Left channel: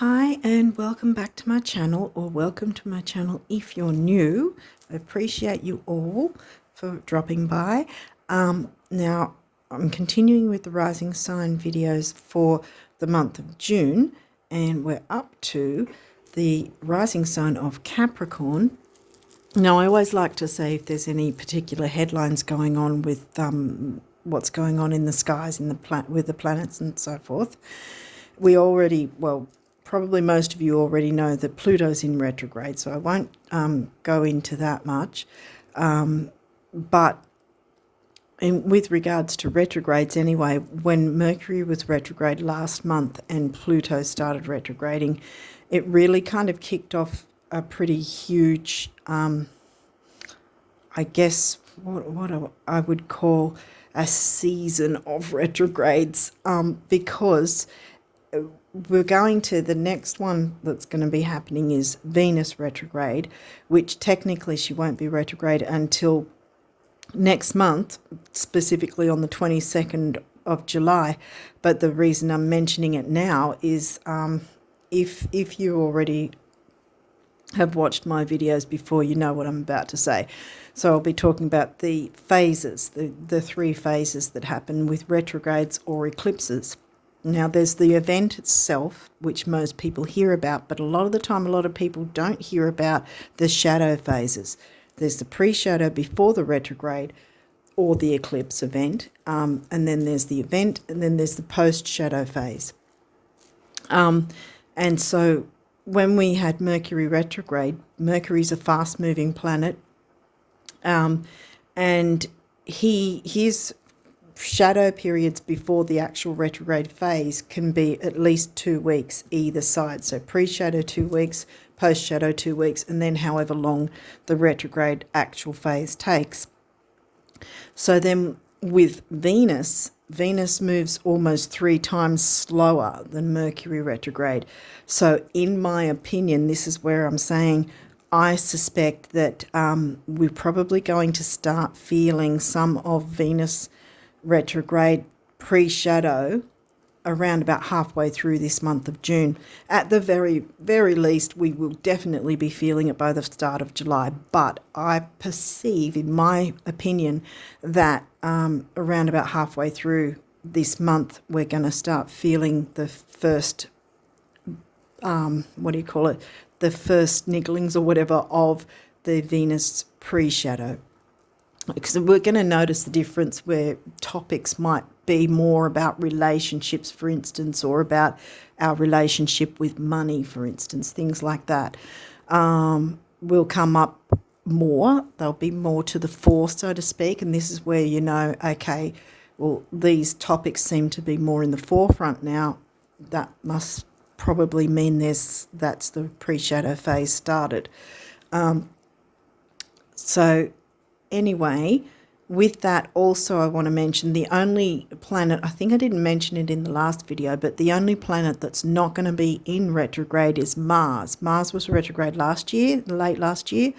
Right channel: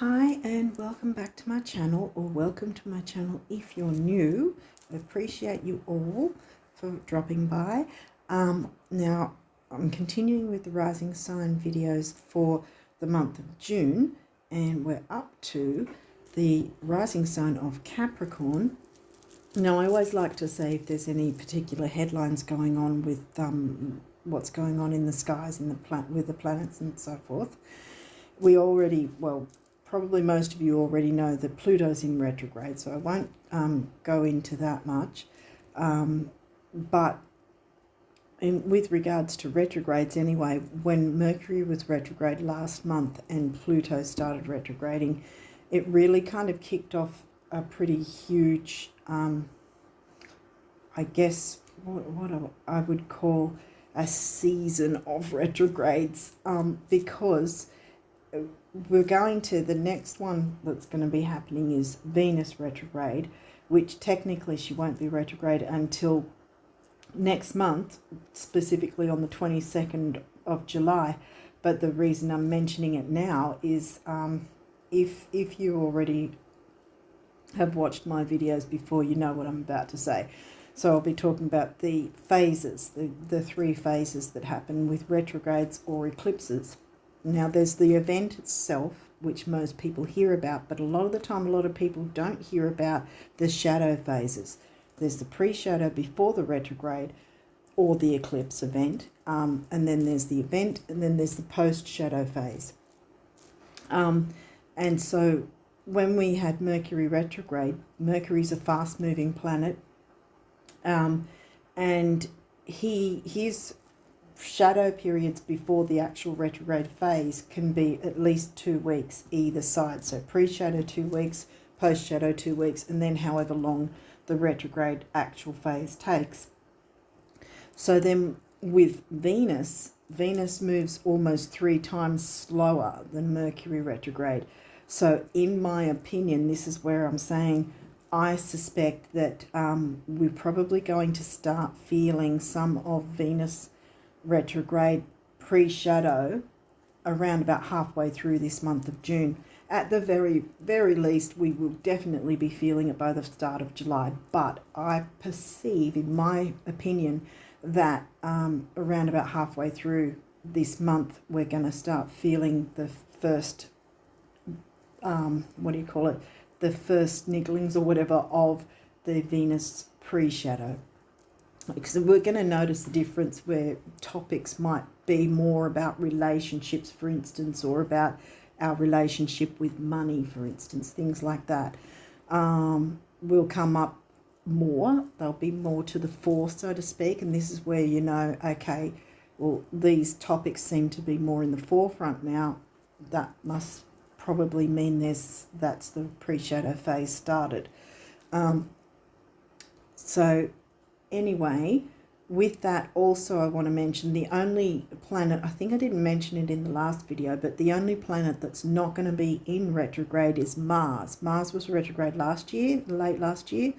Hi and welcome back to my channel, or welcome to my channel if you're new. I appreciate you all for dropping by. Now I'm continuing with the rising sign videos for the month of June, and we're up to the rising sign of Capricorn. Now I always like to say if there's any particular headlines going on with what's going on in the skies in the with the planets and so forth. We already, well, probably most of you already know that Pluto's in retrograde, so I won't go into that much. But with regards to retrogrades anyway, when Mercury was retrograde last month and Pluto started retrograding, it really kind of kicked off a pretty huge, I guess, what I would call a season of retrogrades, because we're going to the next one that's going to be happening is Venus retrograde, which technically she won't be retrograde until next month, specifically on the 22nd of July. But the reason I'm mentioning it now is if you already have watched my videos before, you know what I'm about to say. So I'll be talking about the phases, the three phases that happen with retrogrades or eclipses. Now, there's the event itself, which most people hear about, but a lot of the time, a lot of people don't hear about the shadow phases. There's the pre-shadow before the retrograde or the eclipse event, and then there's the event, and then there's the post-shadow phase. And so when we had Mercury retrograde, Mercury's a fast-moving planet, and his shadow periods before the actual retrograde phase can be at least 2 weeks either side. So pre-shadow 2 weeks, post-shadow 2 weeks, and then however long the retrograde actual phase takes. So then with Venus moves almost 3 times slower than Mercury retrograde. So in my opinion, this is where I'm saying I suspect that we're probably going to start feeling some of Venus retrograde pre-shadow around about halfway through this month of June. At the very, very least, we will definitely be feeling it by the start of July. But I perceive, in my opinion, that around about halfway through this month, we're going to start feeling the first, the first nigglings or whatever of the Venus pre-shadow. Because we're going to notice the difference where topics might be more about relationships, for instance, or about our relationship with money, for instance, things like that will come up more. They'll be more to the fore, so to speak, and this is where you know, okay, well, these topics seem to be more in the forefront now. That must probably mean that's the pre-shadow phase started. So anyway, with that also I want to mention the only planet, I think I didn't mention it in the last video, but the only planet that's not going to be in retrograde is Mars. Mars was retrograde last year, late last year.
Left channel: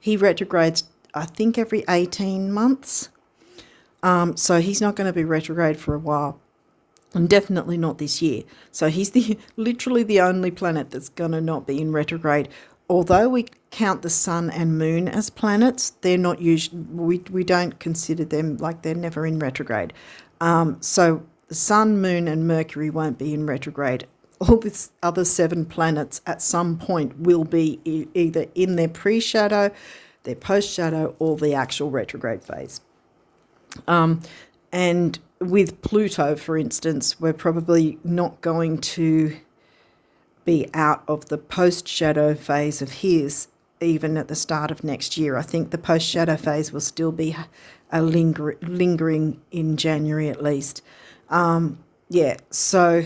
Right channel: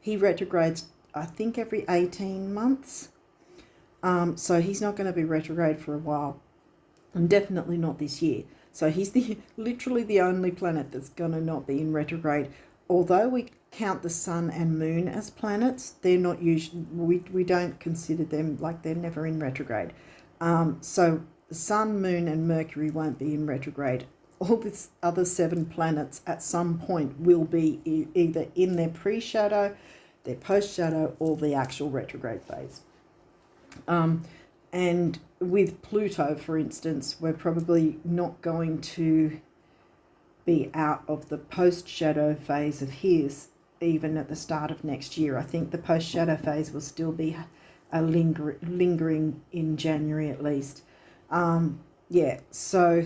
He retrogrades, I think, every 18 months. So he's not going to be retrograde for a while, and definitely not this year. So he's literally the only planet that's going to not be in retrograde. Although we count the sun and moon as planets, they're not usually, we don't consider them, like, they're never in retrograde. So the sun, moon and Mercury won't be in retrograde. All the other 7 planets at some point will be either in their pre-shadow, their post-shadow, or the actual retrograde phase. And with Pluto, for instance, we're probably not going to be out of the post-shadow phase of his even at the start of next year. I think the post-shadow phase will still be lingering in January at least. So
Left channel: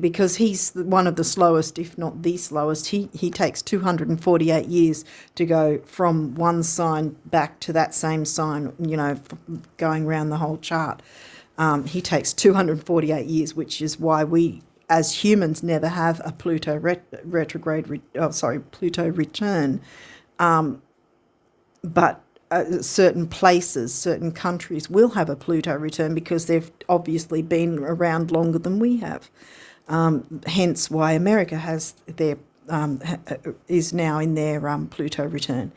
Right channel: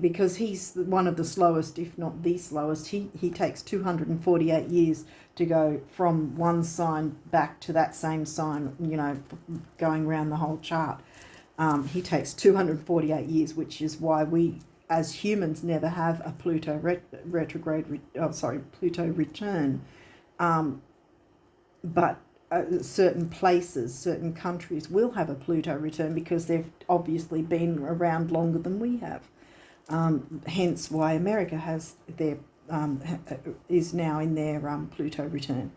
because he's one of the slowest, if not the slowest, he takes 248 years to go from one sign back to that same sign, you know, going around the whole chart. He takes 248 years, which is why we as humans never have a Pluto Pluto return. But certain places, certain countries will have a Pluto return because they've obviously been around longer than we have. hence why America has their is now in their Pluto return.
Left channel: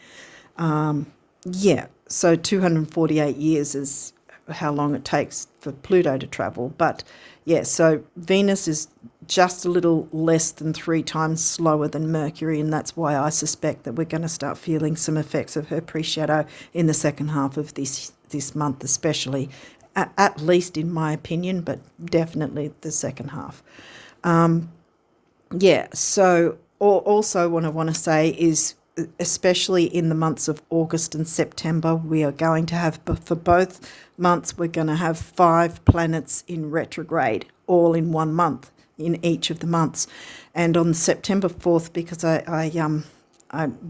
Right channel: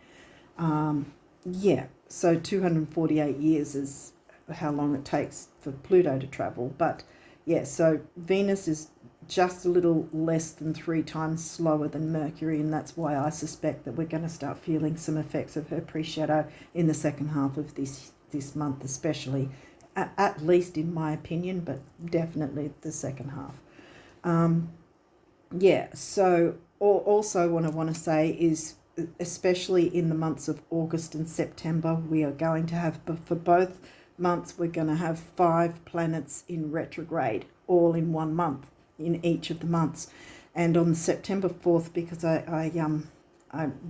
Yeah, so 248 years is how long it takes for Pluto to travel. But yeah, so Venus is just a little less than 3 times slower than Mercury, and that's why I suspect that we're going to start feeling some effects of her pre-shadow in the second half of this month, especially, at least in my opinion, but definitely the second half. Yeah, so also what I want to say is, especially in the months of August and September, we are going to have, for both months, we're going to have 5 planets in retrograde, all in 1 month, in each of the months. And on September 4th, because I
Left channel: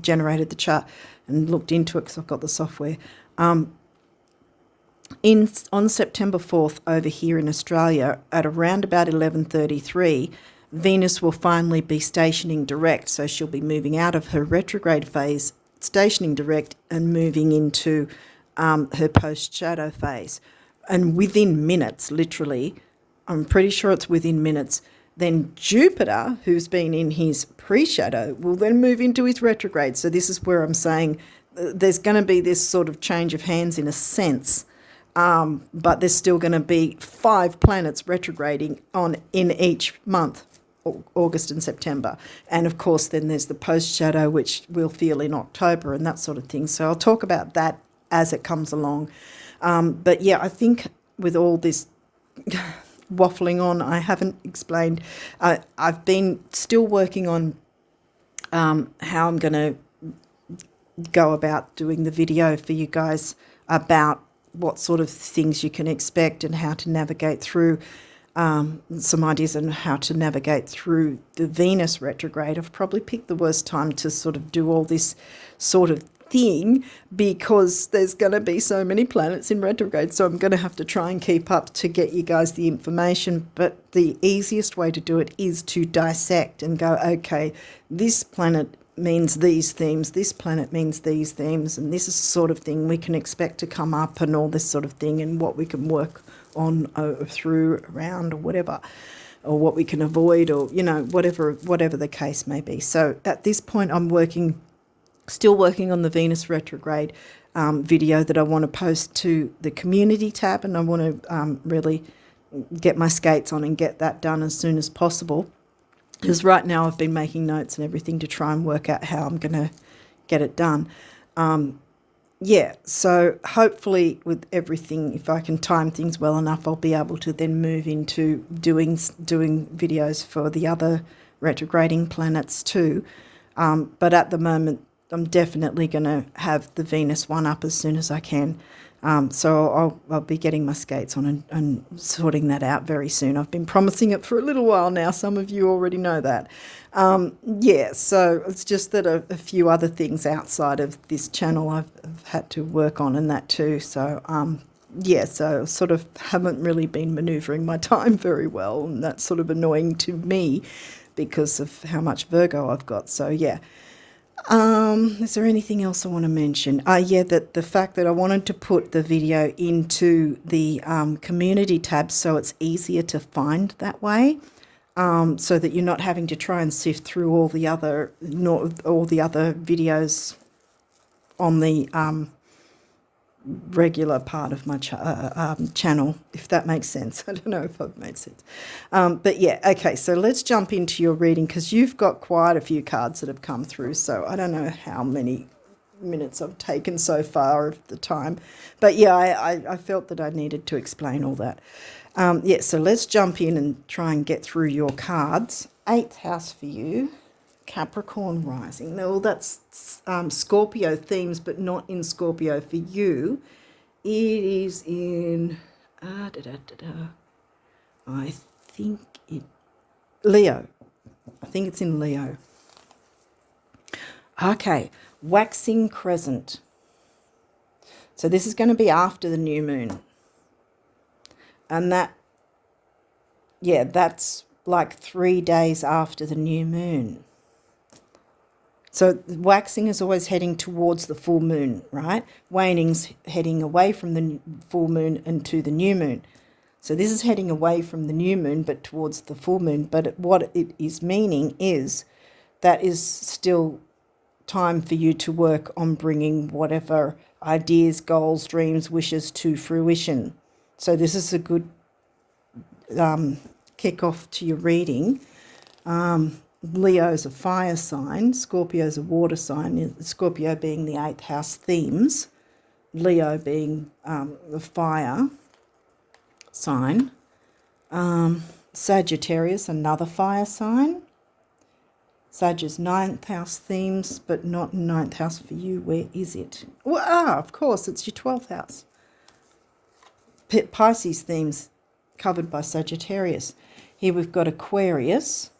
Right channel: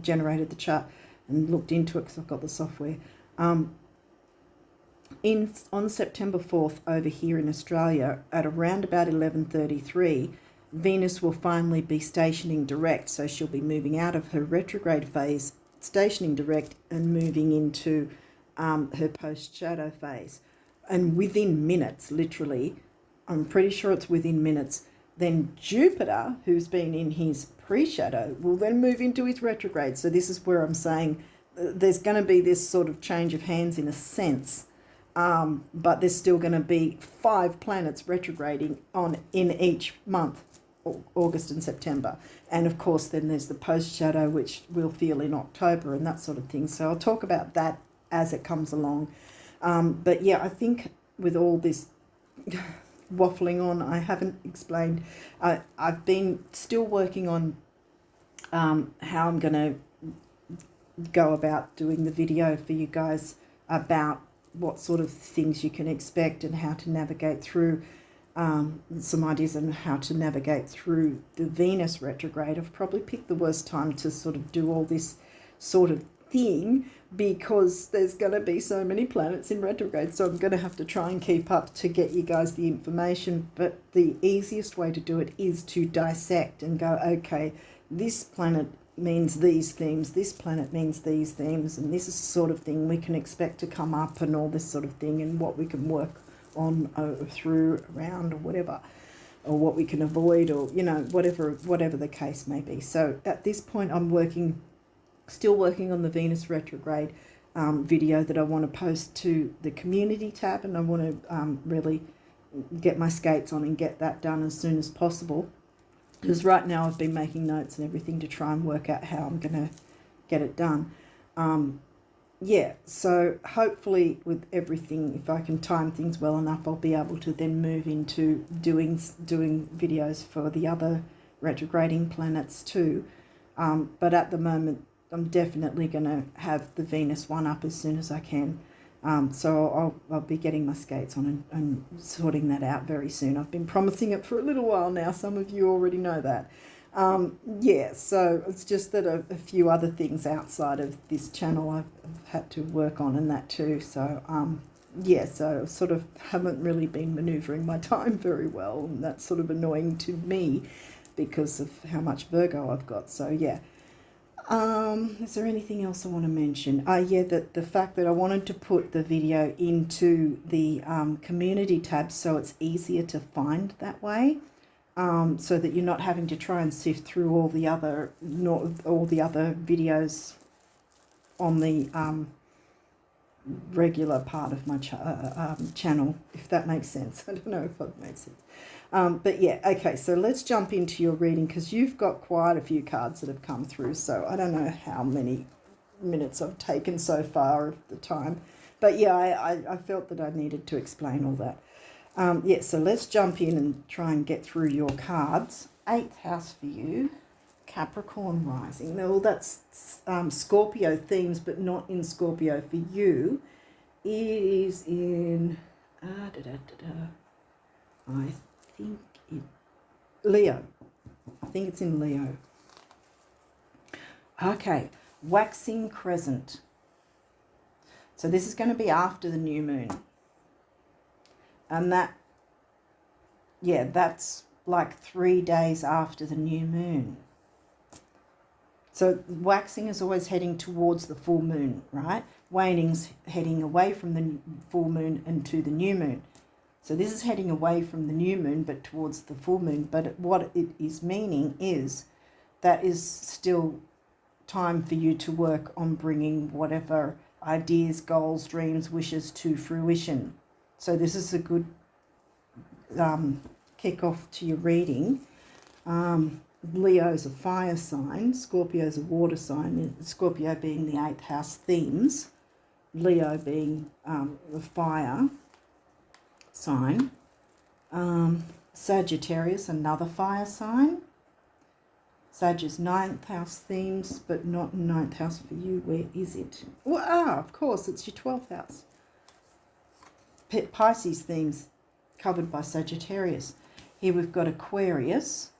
generated the chart and looked into it because I've got the software, on September 4th over here in Australia at around about 11:33, Venus will finally be stationing direct, so she'll be moving out of her retrograde phase, stationing direct, and moving into her post-shadow phase. And within minutes, literally, I'm pretty sure it's within minutes, then Jupiter, who's been in his pre-shadow, will then move into his retrograde. So this is where I'm saying there's going to be this sort of change of hands in a sense, but there's still going to be 5 planets retrograding in each month, August and September. And of course then there's the post shadow, which we'll feel in October and that sort of thing. So I'll talk about that as it comes along. But yeah, I think with all this waffling on, I haven't explained, I've been still working on how I'm going to go about doing the video for you guys about what sort of things you can expect and how to navigate through, some ideas on how to navigate through the Venus retrograde. I've probably picked the worst time to sort of do all this sort of thing because there's going to be so many planets in retrograde, so I'm going to have to try and keep up to get you guys the information. But the easiest way to do it is to dissect and go, okay, this planet means these themes, this planet means these themes, and this is the sort of thing we can expect to come up and all this sort of thing, and what we can work on through, around, or whatever, or what we can avoid, or whatever the case may be. So at this point I'm still working on the Venus retrograde video that I want to post to the community tab, and I want to really get my skates on and get that done as soon as possible, because right now I've been making notes and everything to try and work out how I'm going to get it done. Yeah, so hopefully with everything, if I can time things well enough, I'll be able to then move into doing videos for the other retrograding planets too. But at the moment, I'm definitely going to have the Venus one up as soon as I can. So I'll be getting my skates on and sorting that out very soon. I've been promising it for a little while now. Some of you already know that. Yeah, so it's just that a few other things outside of this channel I've had to work on, and that too. So yeah, so sort of haven't really been manoeuvring my time very well, and that's sort of annoying to me because of how much Virgo I've got. So yeah. Is there anything else I want to mention? Yeah, that the fact that I wanted to put the video into the community tab so it's easier to find that way, so that you're not having to try and sift through all the other videos on the regular part of my channel, if that makes sense. I don't know if I've made sense. But yeah, okay, so let's jump into your reading, because you've got quite a few cards that have come through, so I don't know how many minutes I've taken so far of the time. But yeah, I felt that I needed to explain all that. Yeah, so let's jump in and try and get through your cards. 8th house for you. Capricorn rising. Well, that's Scorpio themes, but not in Scorpio for you. It is in I think Leo. I think it's in Leo. Okay, waxing crescent. So this is going to be after the new moon. And that's like 3 days after the new moon. So waxing is always heading towards the full moon, right? Waning's heading away from the full moon into the new moon. So this is heading away from the new moon, but towards the full moon. But what it is meaning is that is still time for you to work on bringing whatever ideas, goals, dreams, wishes to fruition. So this is a good kick-off to your reading. Leo's a fire sign, Scorpio's a water sign, Scorpio being the 8th house themes, Leo being the fire sign, Sagittarius, another fire sign. Sag is 9th house themes, but not 9th house for you. Where is it? Well, of course, it's your 12th house. Pisces themes covered by Sagittarius. Here we've got Aquarius.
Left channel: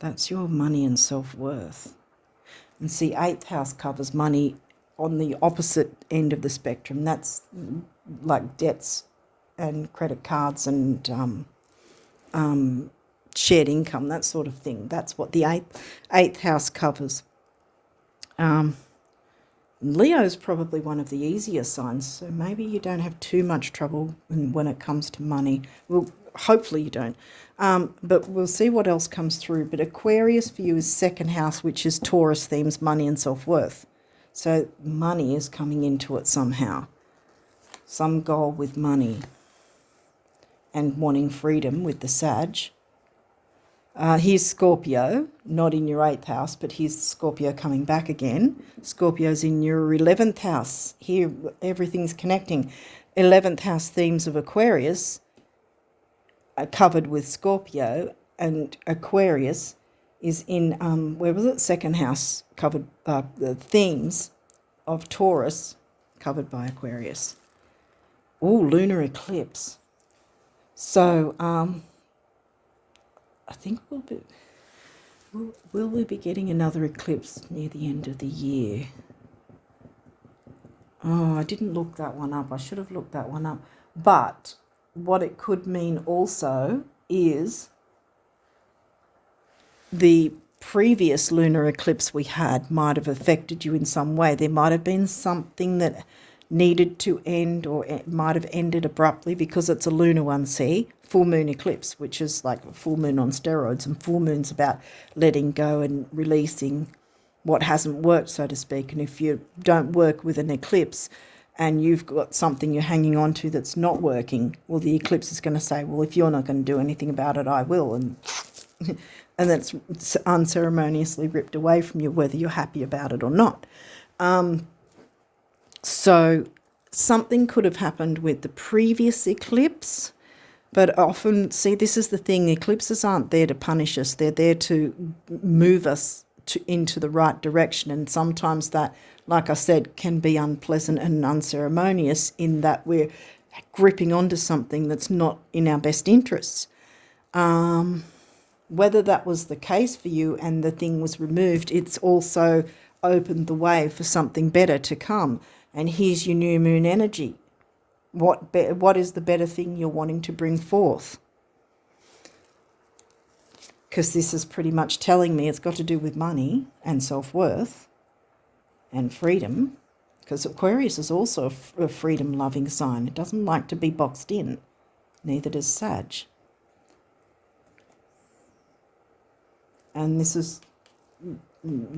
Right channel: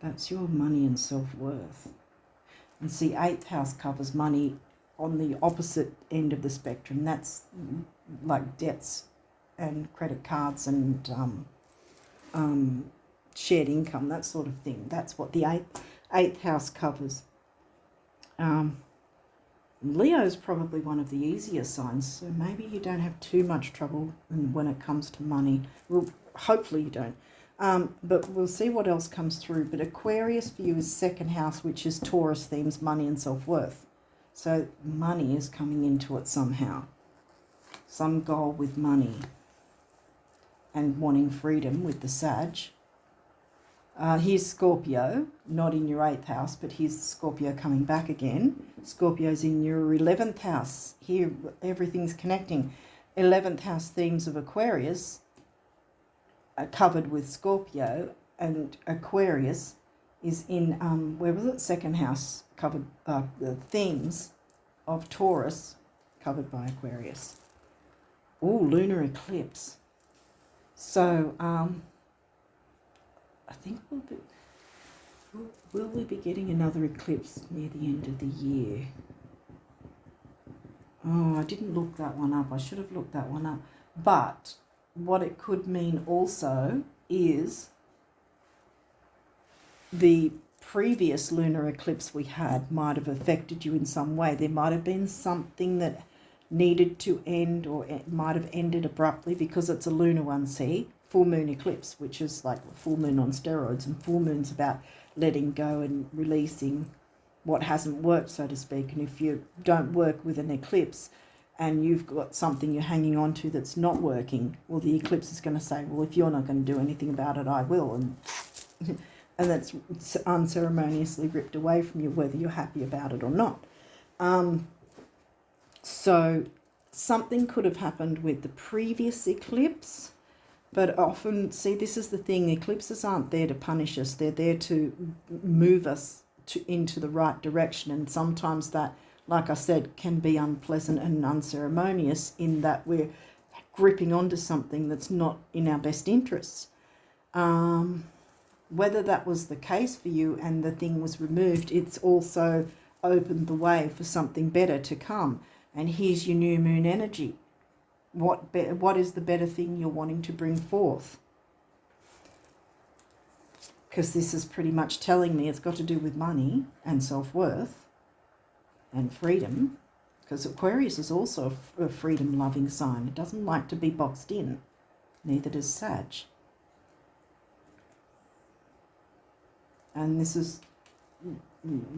That's your money and self-worth. And see, 8th house covers money on the opposite end of the spectrum. That's like debts and credit cards and shared income, that sort of thing. That's what the eighth house covers. Leo is probably one of the easier signs, so maybe you don't have too much trouble when it comes to money. Well, hopefully you don't. But we'll see what else comes through. But Aquarius for you is 2nd house, which is Taurus themes, money and self-worth. So money is coming into it somehow. Some goal with money and wanting freedom with the Sag. Here's Scorpio, not in your 8th house, but here's Scorpio coming back again. Scorpio's in your 11th house. Here, everything's connecting. 11th house themes of Aquarius are covered with Scorpio, and Aquarius is in, where was it? 2nd house, covered, the themes of Taurus, covered by Aquarius. Oh, lunar eclipse. So, I think will we be getting another eclipse near the end of the year? Oh, I didn't look that one up. I should have looked that one up. But what it could mean also is the previous lunar eclipse we had might have affected you in some way. There might have been something that needed to end, or it might have ended abruptly because it's a lunar one, see? Full moon eclipse, which is like a full moon on steroids, and full moon's about letting go and releasing what hasn't worked, so to speak. And if you don't work with an eclipse and you've got something you're hanging on to that's not working, well, the eclipse is going to say, well, if you're not going to do anything about it, I will. And and that's unceremoniously ripped away from you, whether you're happy about it or not. So something could have happened with the previous eclipse, but often, see, this is the thing, eclipses aren't there to punish us. They're there to move us into the right direction. And sometimes that, like I said, can be unpleasant and unceremonious in that we're gripping onto something that's not in our best interests. Whether that was the case for you and the thing was removed, it's also opened the way for something better to come. And here's your new moon energy. What is the better thing you're wanting to bring forth? Because this is pretty much telling me it's got to do with money and self-worth and freedom. Because Aquarius is also a freedom-loving sign. It doesn't like to be boxed in. Neither does Sag. And this is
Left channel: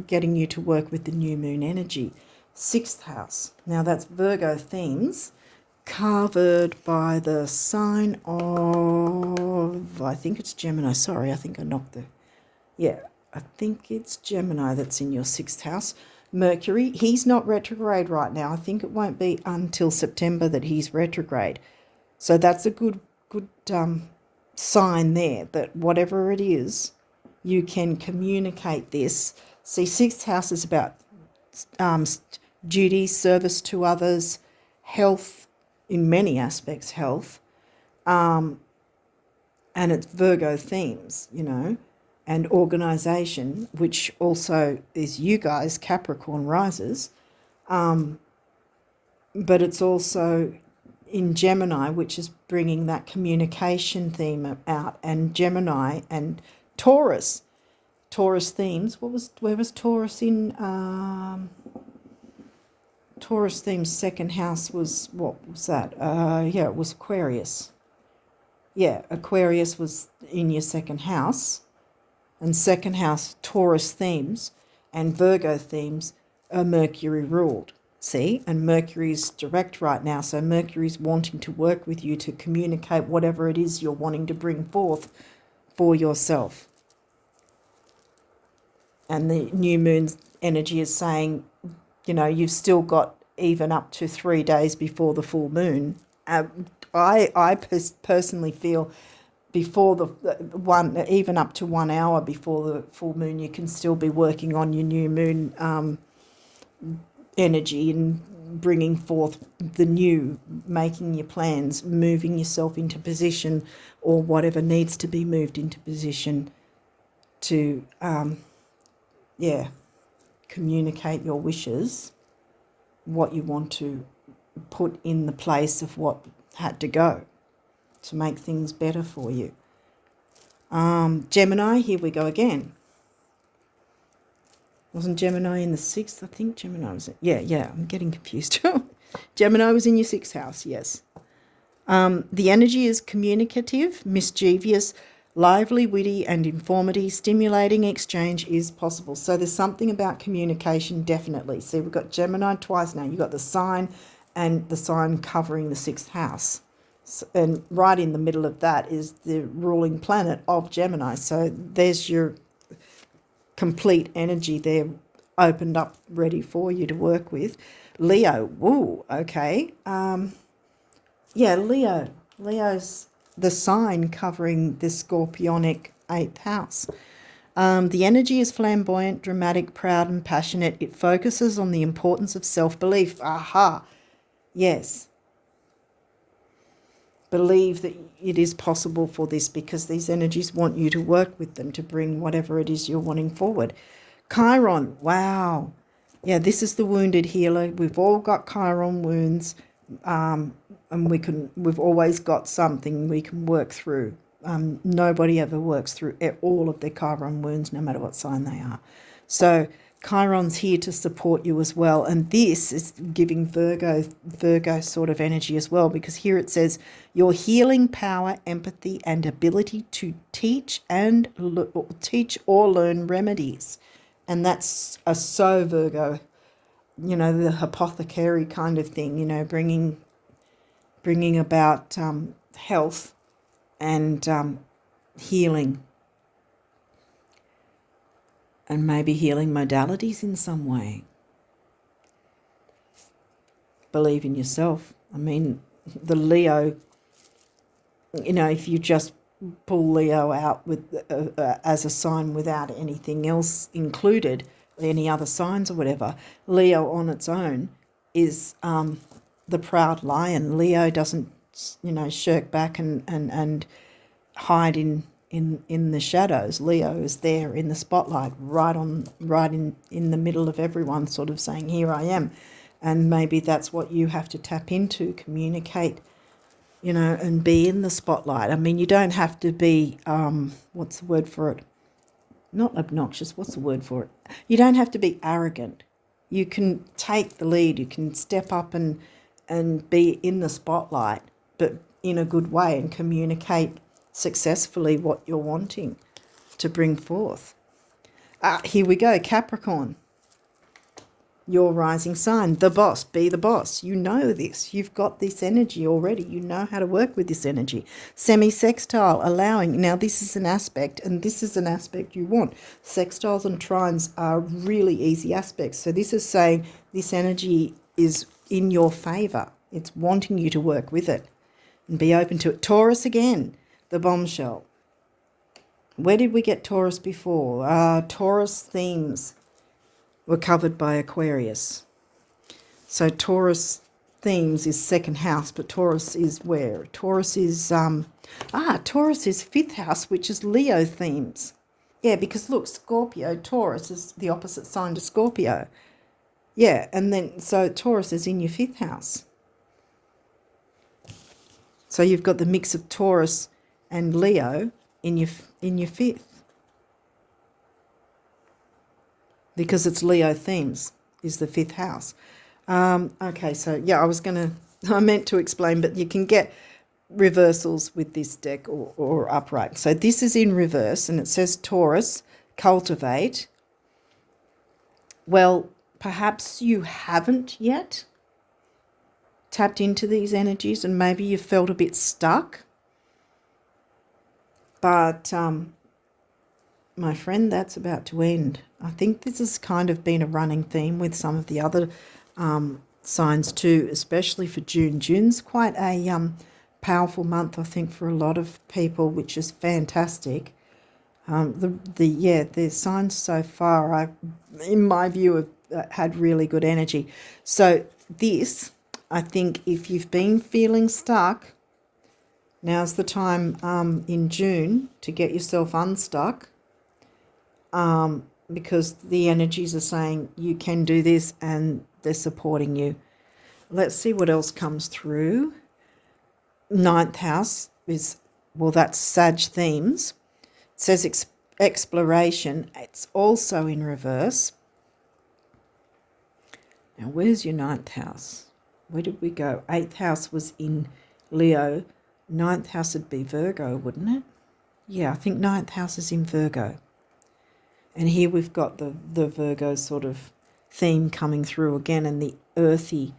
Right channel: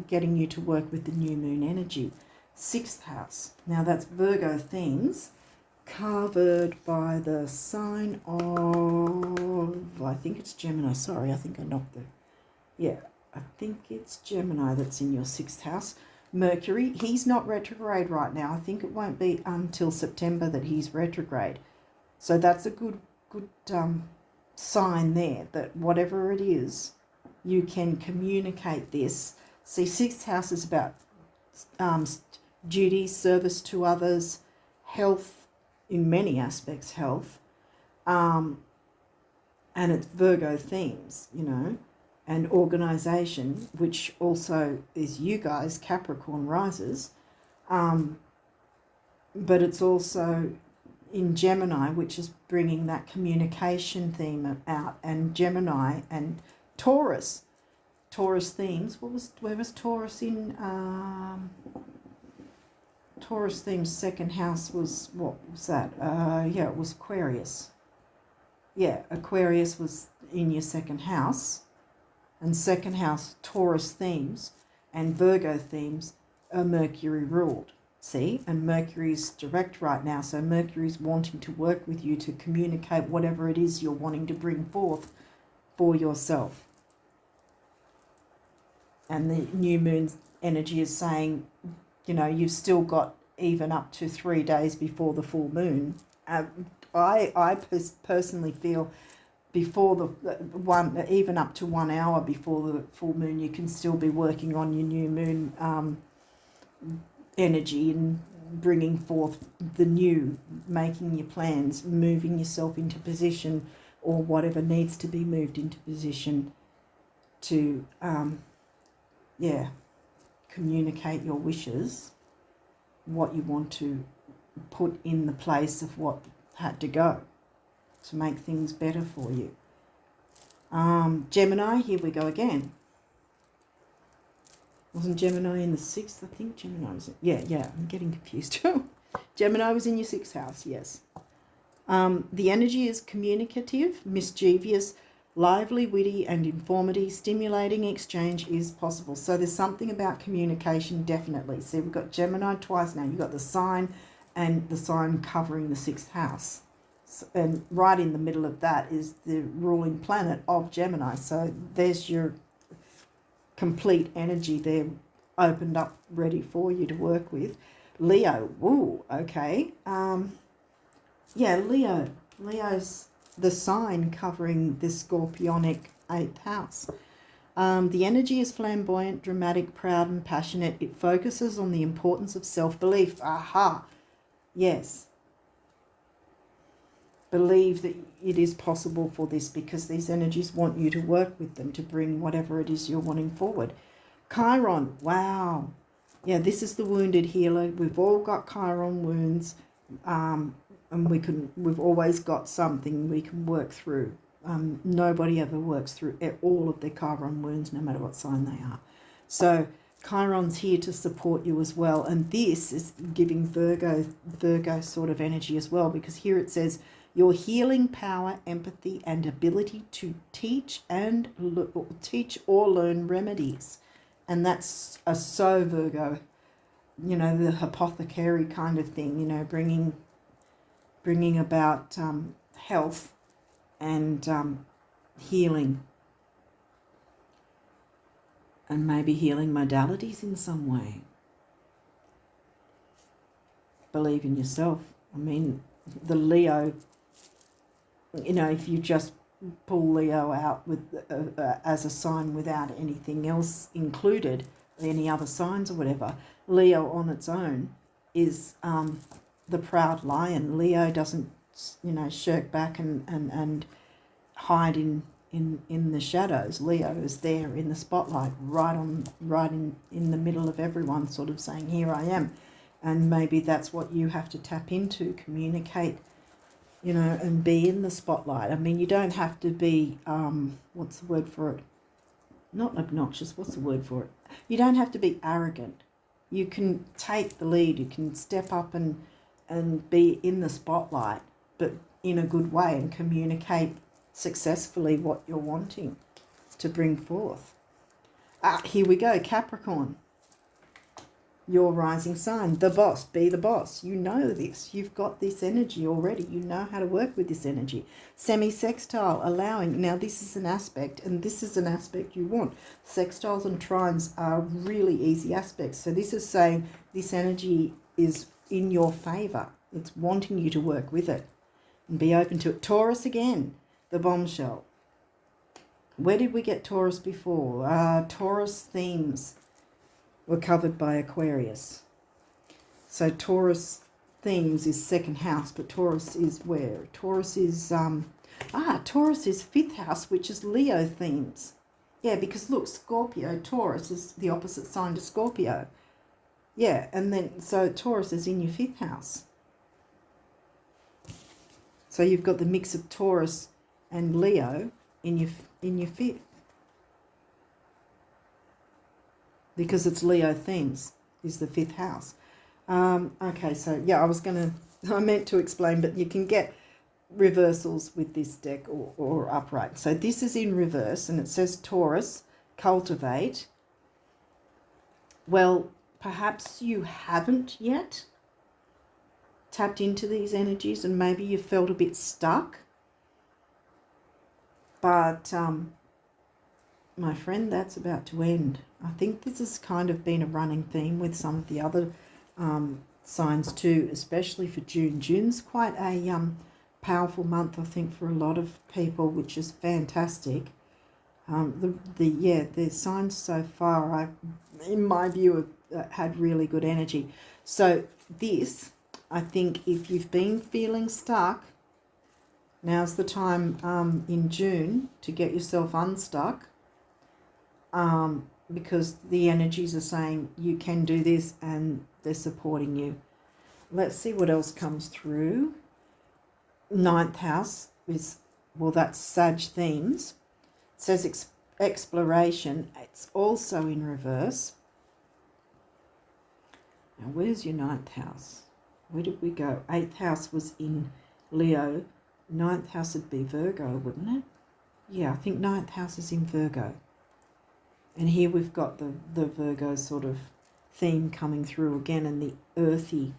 getting you to work with the new moon energy. 6th house. Now that's Virgo themes, covered by the sign of, I think it's Gemini. Sorry, I think I knocked I think it's Gemini that's in your 6th house. Mercury, he's not retrograde right now. I think it won't be until September that he's retrograde. So that's a good sign there that whatever it is, you can communicate this. See, 6th house is about duty, service to others, health, in many aspects, health, and it's Virgo themes, and organisation, which also is you guys, Capricorn risers, but it's also in Gemini, which is bringing that communication theme out, and Gemini and Taurus themes. Where was Taurus in? Taurus theme's second house was, what was that? Yeah, it was Aquarius. Yeah, Aquarius was in your second house. And second house Taurus themes and Virgo themes are Mercury ruled. See, and Mercury's direct right now, so Mercury's wanting to work with you to communicate whatever it is you're wanting to bring forth for yourself. And the new moon's energy is saying, you know, you've still got even up to 3 days before the full moon. I personally feel before the one, even up to 1 hour before the full moon, you can still be working on your new moon energy and bringing forth the new, making your plans, moving yourself into position or whatever needs to be moved into position to, communicate your wishes, what you want to put in the place of what had to go to make things better for you. Gemini, here we go again. Wasn't Gemini in the 6th? I think Gemini was... Yeah, I'm getting confused. Gemini was in your 6th house, yes. The energy is communicative, mischievous, lively, witty and informative. Stimulating exchange is possible. So there's something about communication, definitely. See, we've got Gemini twice now. You've got the sign and the sign covering the 6th house. So, and right in the middle of that is the ruling planet of Gemini. So there's your complete energy there opened up, ready for you to work with. Leo, woo, okay. Leo. Leo's the sign covering the scorpionic 8th house. The energy is flamboyant, dramatic, proud and passionate. It focuses on the importance of self-belief. Aha, yes. Believe that it is possible for this, because these energies want you to work with them to bring whatever it is you're wanting forward. Chiron, wow. Yeah, this is the wounded healer. We've all got Chiron wounds, and we've always got something we can work through. Nobody ever works through all of their Chiron wounds, no matter what sign they are. So Chiron's here to support you as well, and this is giving Virgo sort of energy as well, because here it says your healing power, empathy and ability to teach or learn remedies. And that's a so Virgo, you know, the apothecary kind of thing, you know, bringing about health and healing, and maybe healing modalities in some way. Believe in yourself. I mean, the Leo, you know, if you just pull Leo out with as a sign without anything else included, any other signs or whatever, Leo on its own is the proud lion. Leo doesn't, you know, shirk back and hide in the shadows. Leo is there in the spotlight, right in the middle of everyone, sort of saying, here I am. And maybe that's what you have to tap into, communicate, you know, and be in the spotlight. I mean, you don't have to be, what's the word for it? Not obnoxious, what's the word for it? You don't have to be arrogant. You can take the lead, you can step up and be in the spotlight, but in a good way, and communicate successfully what you're wanting to bring forth. Here we go, Capricorn. Your rising sign, the boss, be the boss. You know this. You've got this energy already. You know how to work with this energy. Semi-sextile, allowing. Now, this is an aspect, and this is an aspect you want. Sextiles and trines are really easy aspects. So this is saying this energy is in your favour. It's wanting you to work with it and be open to it. Taurus again, the bombshell. Where did we get Taurus before? Taurus themes were covered by Aquarius. So Taurus themes is second house, but Taurus is where? Taurus is Taurus is 5th house, which is Leo themes. Yeah, because look, Scorpio, Taurus is the opposite sign to Scorpio. Yeah, and then so Taurus is in your 5th house. So you've got the mix of Taurus and Leo in your 5th. Because it's Leo themes is the 5th house. Okay, so yeah, I meant to explain, but you can get reversals with this deck or upright. So this is in reverse and it says Taurus, cultivate. Well, perhaps you haven't yet tapped into these energies and maybe you felt a bit stuck. But my friend, that's about to end. I think this has kind of been a running theme with some of the other signs too, especially for June. June's quite a powerful month, I think, for a lot of people, which is fantastic. The signs so far, in my view, have had really good energy. So this, I think, if you've been feeling stuck, now's the time in June to get yourself unstuck, because the energies are saying you can do this and they're supporting you. Let's see what else comes through. Ninth house is, well, that's Sag themes. It says exploration. It's also in reverse. Now, where's your ninth house? Where did we go? Eighth house was in Leo. Ninth house would be Virgo, wouldn't it? Yeah, I think ninth house is in Virgo. And here we've got the Virgo sort of theme coming through again, and the earthy.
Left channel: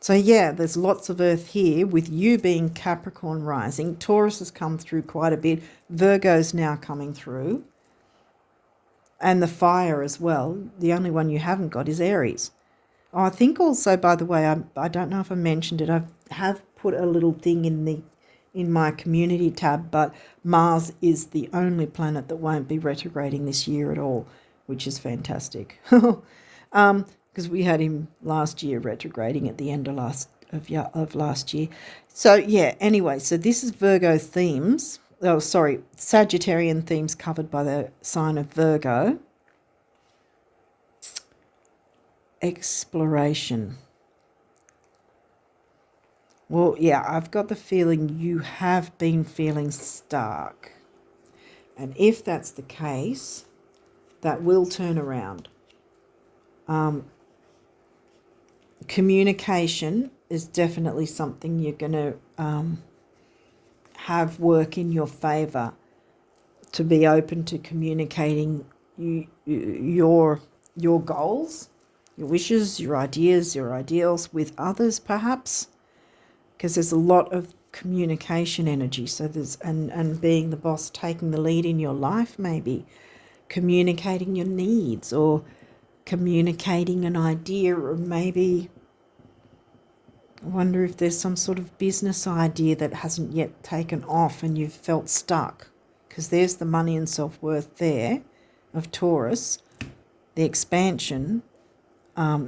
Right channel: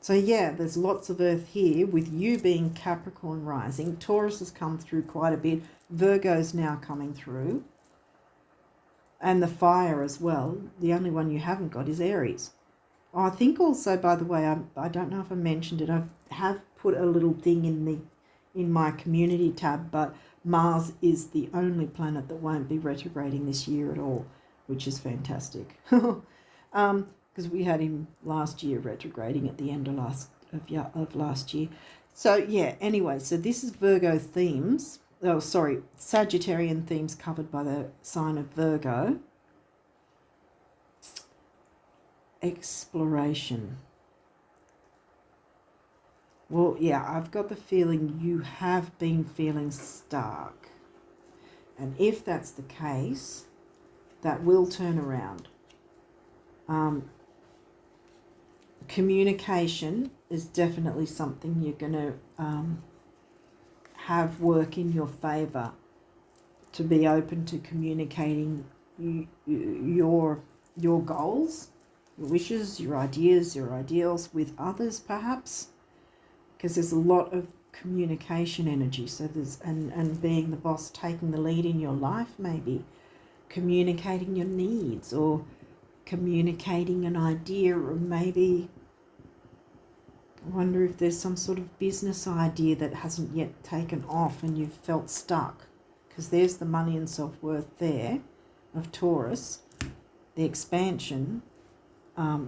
So yeah, there's lots of earth here with you being Capricorn rising. Taurus has come through quite a bit. Virgo's now coming through. And the fire as well. The only one you haven't got is Aries. Oh, I think also, by the way, I don't know if I mentioned it. I have put a little thing in my community tab, but Mars is the only planet that won't be retrograding this year at all, which is fantastic. Because we had him last year retrograding at the end of last year. So yeah, anyway, so this is Virgo themes. Oh, sorry, Sagittarian themes covered by the sign of Virgo. Exploration. Well, yeah, I've got the feeling you have been feeling stuck. And if that's the case, that will turn around. Communication is definitely something you're going to have work in your favour, to be open to communicating your goals, your wishes, your ideas, your ideals with others, perhaps, because there's a lot of communication energy. So there's and being the boss, taking the lead in your life, maybe communicating your needs or communicating an idea, or maybe I wonder if there's some sort of business idea that hasn't yet taken off and you've felt stuck, because there's the money and self-worth there of Taurus, the expansion,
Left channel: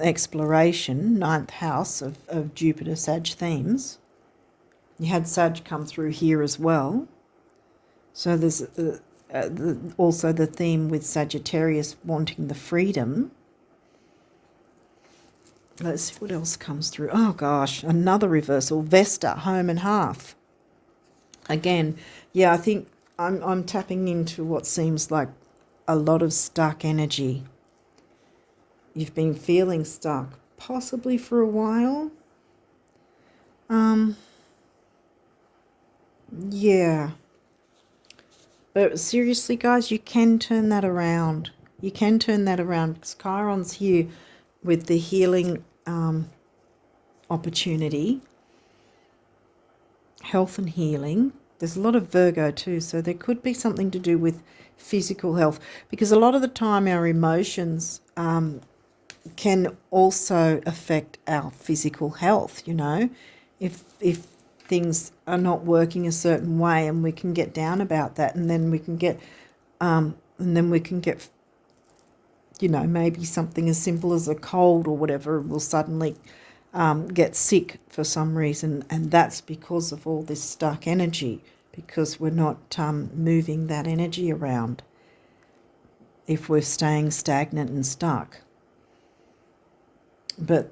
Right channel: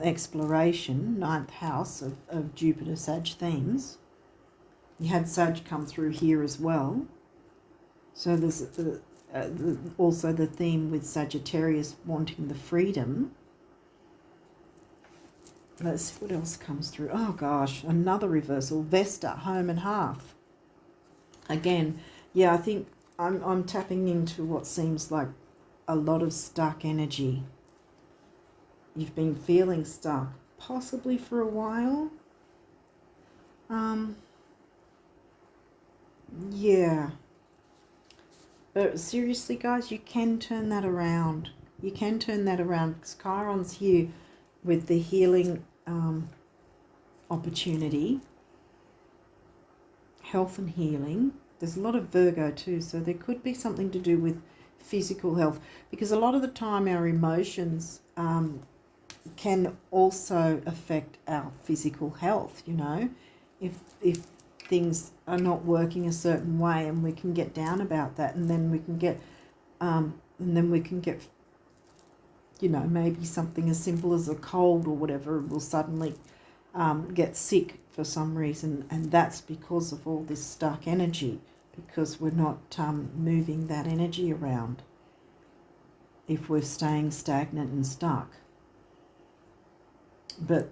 exploration, ninth house of Jupiter Sag themes. You had Sag come through here as well. So there's also the theme with Sagittarius wanting the freedom. Let's see what else comes through. Oh gosh, another reversal. Vesta, home and hearth. Again, yeah, I think I'm tapping into what seems like a lot of stuck energy. You've been feeling stuck, possibly for a while. Yeah. But seriously, guys, you can turn that around. You can turn that around, because Chiron's here with the healing opportunity, health and healing. There's a lot of Virgo too, so there could be something to do with physical health, because a lot of the time our emotions can also affect our physical health. You know, if things are not working a certain way, and we can get down about that, and then we can get you know, maybe something as simple as a cold or whatever will suddenly get sick for some reason, and that's because of all this stuck energy, because we're not moving that energy around if we're staying stagnant and stuck. But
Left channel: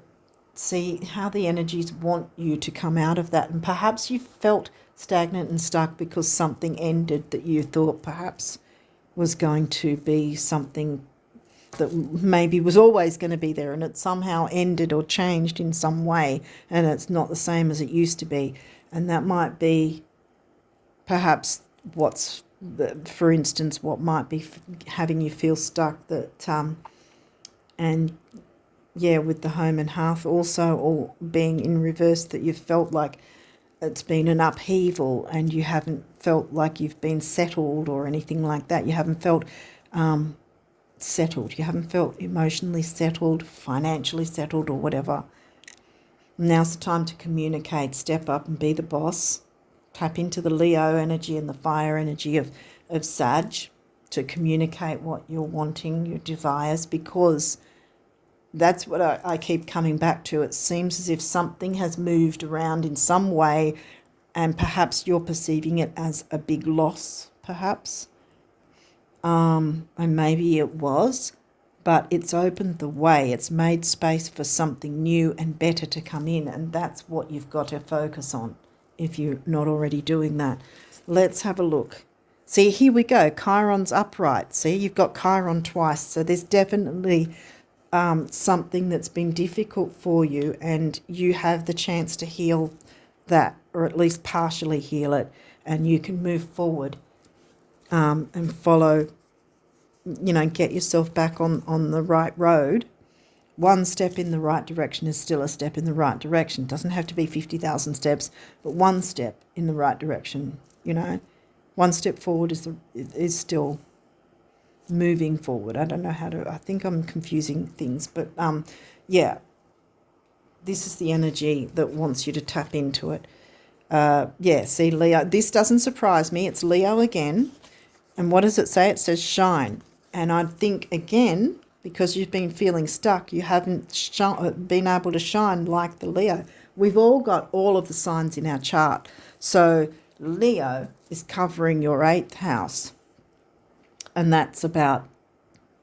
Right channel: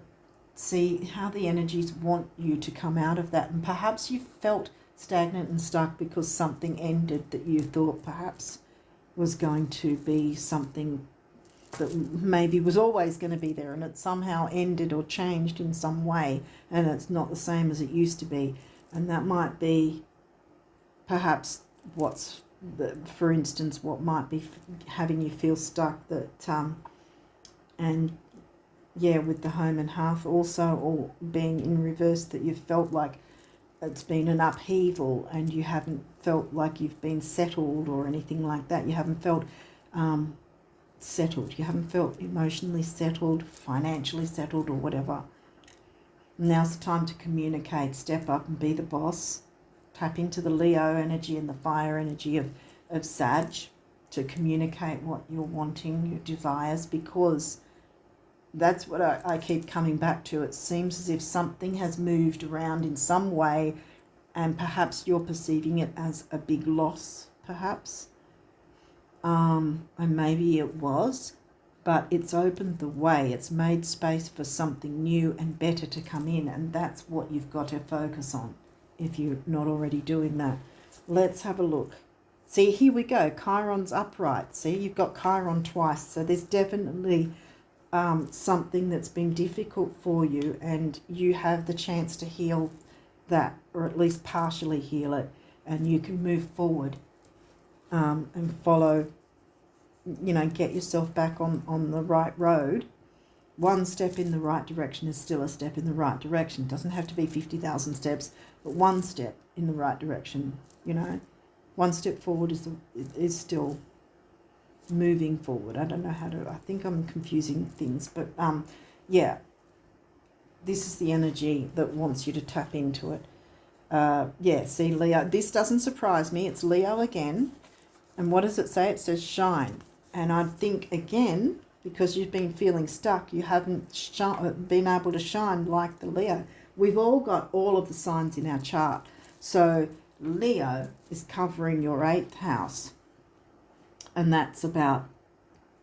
see how the energies want you to come out of that, and perhaps you felt stagnant and stuck because something ended that you thought perhaps was going to be something that maybe was always going to be there, and it somehow ended or changed in some way, and it's not the same as it used to be. And that might be perhaps for instance, what might be having you feel stuck, that and yeah, with the home and hearth also, or being in reverse, that you've felt like it's been an upheaval and you haven't felt like you've been settled or anything like that. You haven't felt settled. You haven't felt emotionally settled, financially settled, or whatever. Now's the time to communicate, step up and be the boss. Tap into the Leo energy and the fire energy of Sag to communicate what you're wanting, your desires, because that's what I keep coming back to. It seems as if something has moved around in some way, and perhaps you're perceiving it as a big loss, perhaps. And maybe it was, but it's opened the way. It's made space for something new and better to come in, and that's what you've got to focus on if you're not already doing that. Let's have a look. See, here we go. Chiron's upright. See, you've got Chiron twice, so there's definitely something that's been difficult for you, and you have the chance to heal that, or at least partially heal it, and you can move forward and follow, get yourself back on the right road. One step in the right direction is still a step in the right direction. It doesn't have to be 50,000 steps, but one step in the right direction, one step forward is still moving forward. I don't know I think I'm confusing things, but yeah, this is the energy that wants you to tap into it. Yeah, see, Leo, this doesn't surprise me. It's Leo again. And what does it say? It says shine. And I think, again, because you've been feeling stuck, you haven't been able to shine like the Leo. We've all got all of the signs in our chart. So Leo is covering your 8th house. And that's about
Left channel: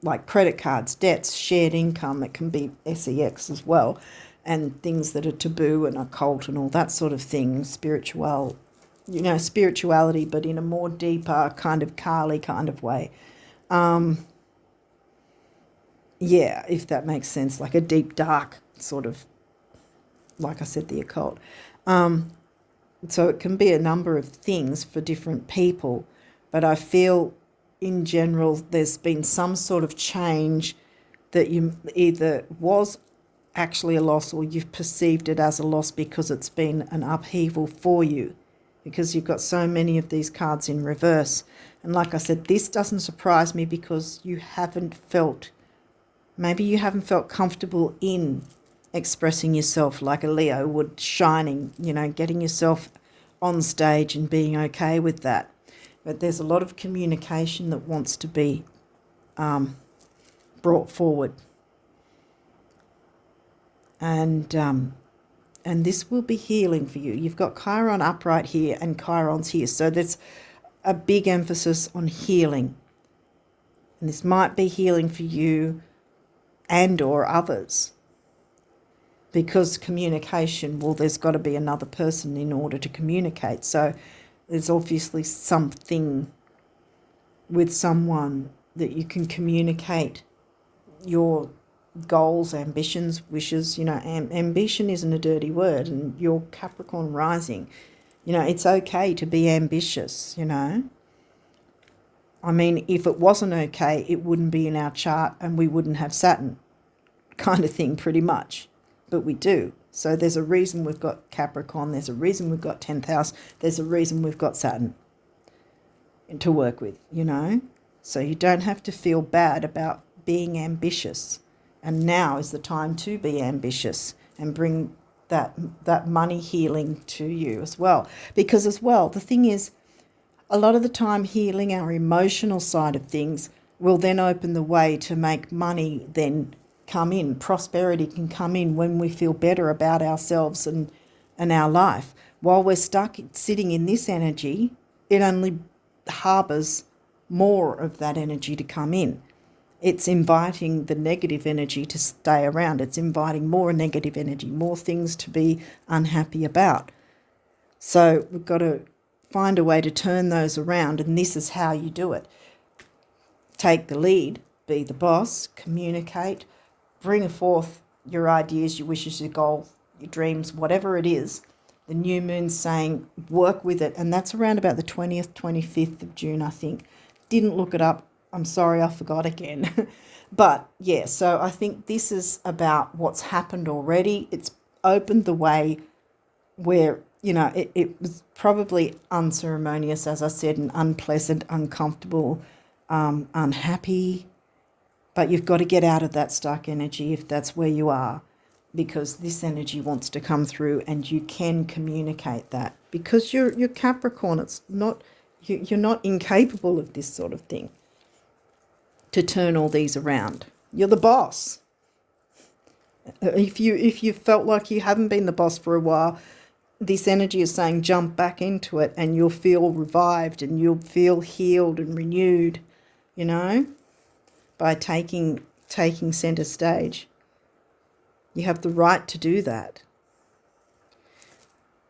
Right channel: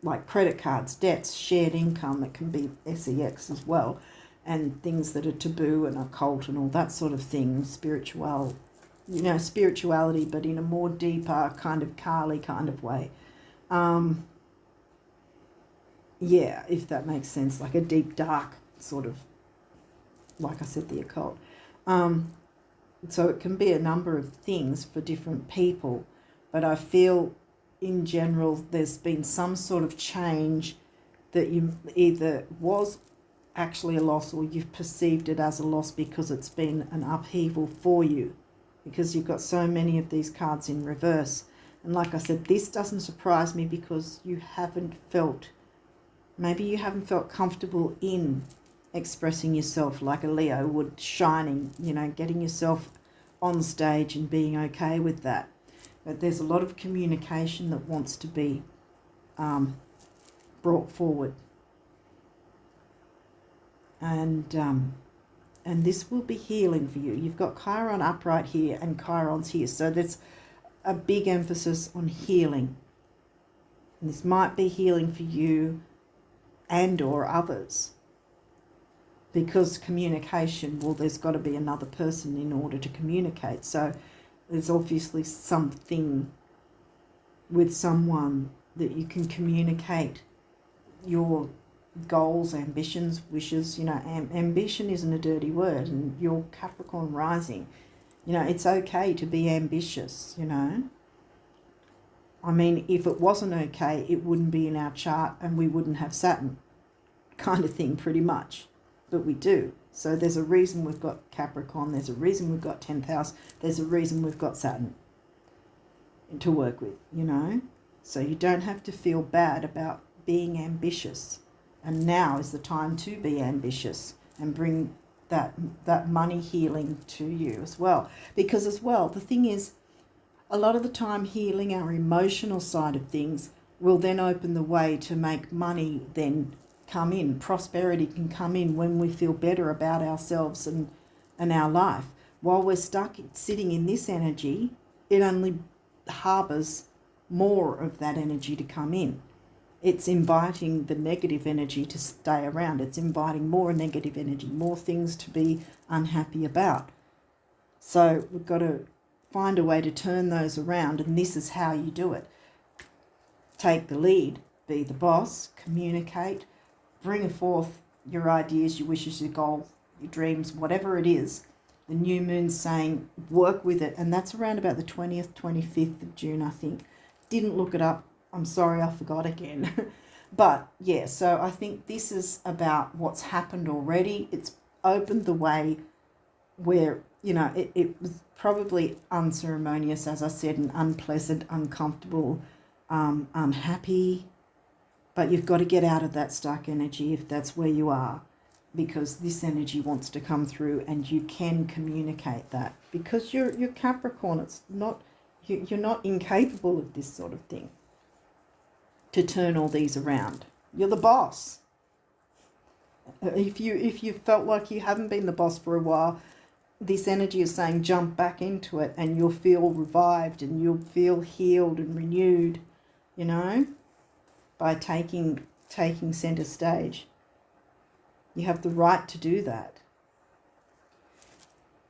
like credit cards, debts, shared income. It can be sex as well, and things that are taboo and occult and all that sort of thing. Spirituality, but in a more deeper kind of Kali kind of way. Yeah, if that makes sense, like a deep, dark sort of, like I said, the occult. So it can be a number of things for different people, but I feel in general there's been some sort of change that you either was actually a loss, or you've perceived it as a loss because it's been an upheaval for you, because you've got so many of these cards in reverse. And like I said, this doesn't surprise me, because you haven't felt comfortable in expressing yourself like a Leo would, shining, getting yourself on stage and being okay with that. But there's a lot of communication that wants to be brought forward. And this will be healing for you. You've got Chiron upright here and Chiron's here. So there's a big emphasis on healing. And this might be healing for you and or others. Because communication, well, there's got to be another person in order to communicate. So there's obviously something with someone that you can communicate your goals, ambitions, wishes. Ambition isn't a dirty word, and your Capricorn rising, it's okay to be ambitious. I mean, if it wasn't okay, it wouldn't be in our chart and we wouldn't have Saturn, kind of thing, pretty much. But we do. So there's a reason we've got Capricorn, there's a reason we've got 10th house, there's a reason we've got Saturn to work with, So you don't have to feel bad about being ambitious. And now is the time to be ambitious and bring that money healing to you as well. Because as well, the thing is, a lot of the time healing our emotional side of things will then open the way to make money then come in. Prosperity can come in when we feel better about ourselves and our life. While we're stuck sitting in this energy, it only harbours more of that energy to come in. It's inviting the negative energy to stay around. It's inviting more negative energy, more things to be unhappy about. So we've got to find a way to turn those around, and this is how you do it. Take the lead be the boss, communicate, bring forth your ideas, your wishes, your goals, your dreams, whatever it is. The new moon's saying work with it, and that's around about the 20th, 25th of June, I think. Didn't look it up. I'm sorry, I forgot again. But yeah, so I think this is about what's happened already. It's opened the way where, you know, it was probably unceremonious, as I said, and unpleasant, uncomfortable, unhappy. But you've got to get out of that stuck energy if that's where you are, because this energy wants to come through, and you can communicate that because you're Capricorn. It's not, you're not incapable of this sort of thing, to turn all these around. You're the boss. If you felt like you haven't been the boss for a while, this energy is saying jump back into it, and you'll feel revived and you'll feel healed and renewed, you know, by taking center stage. You have the right to do that.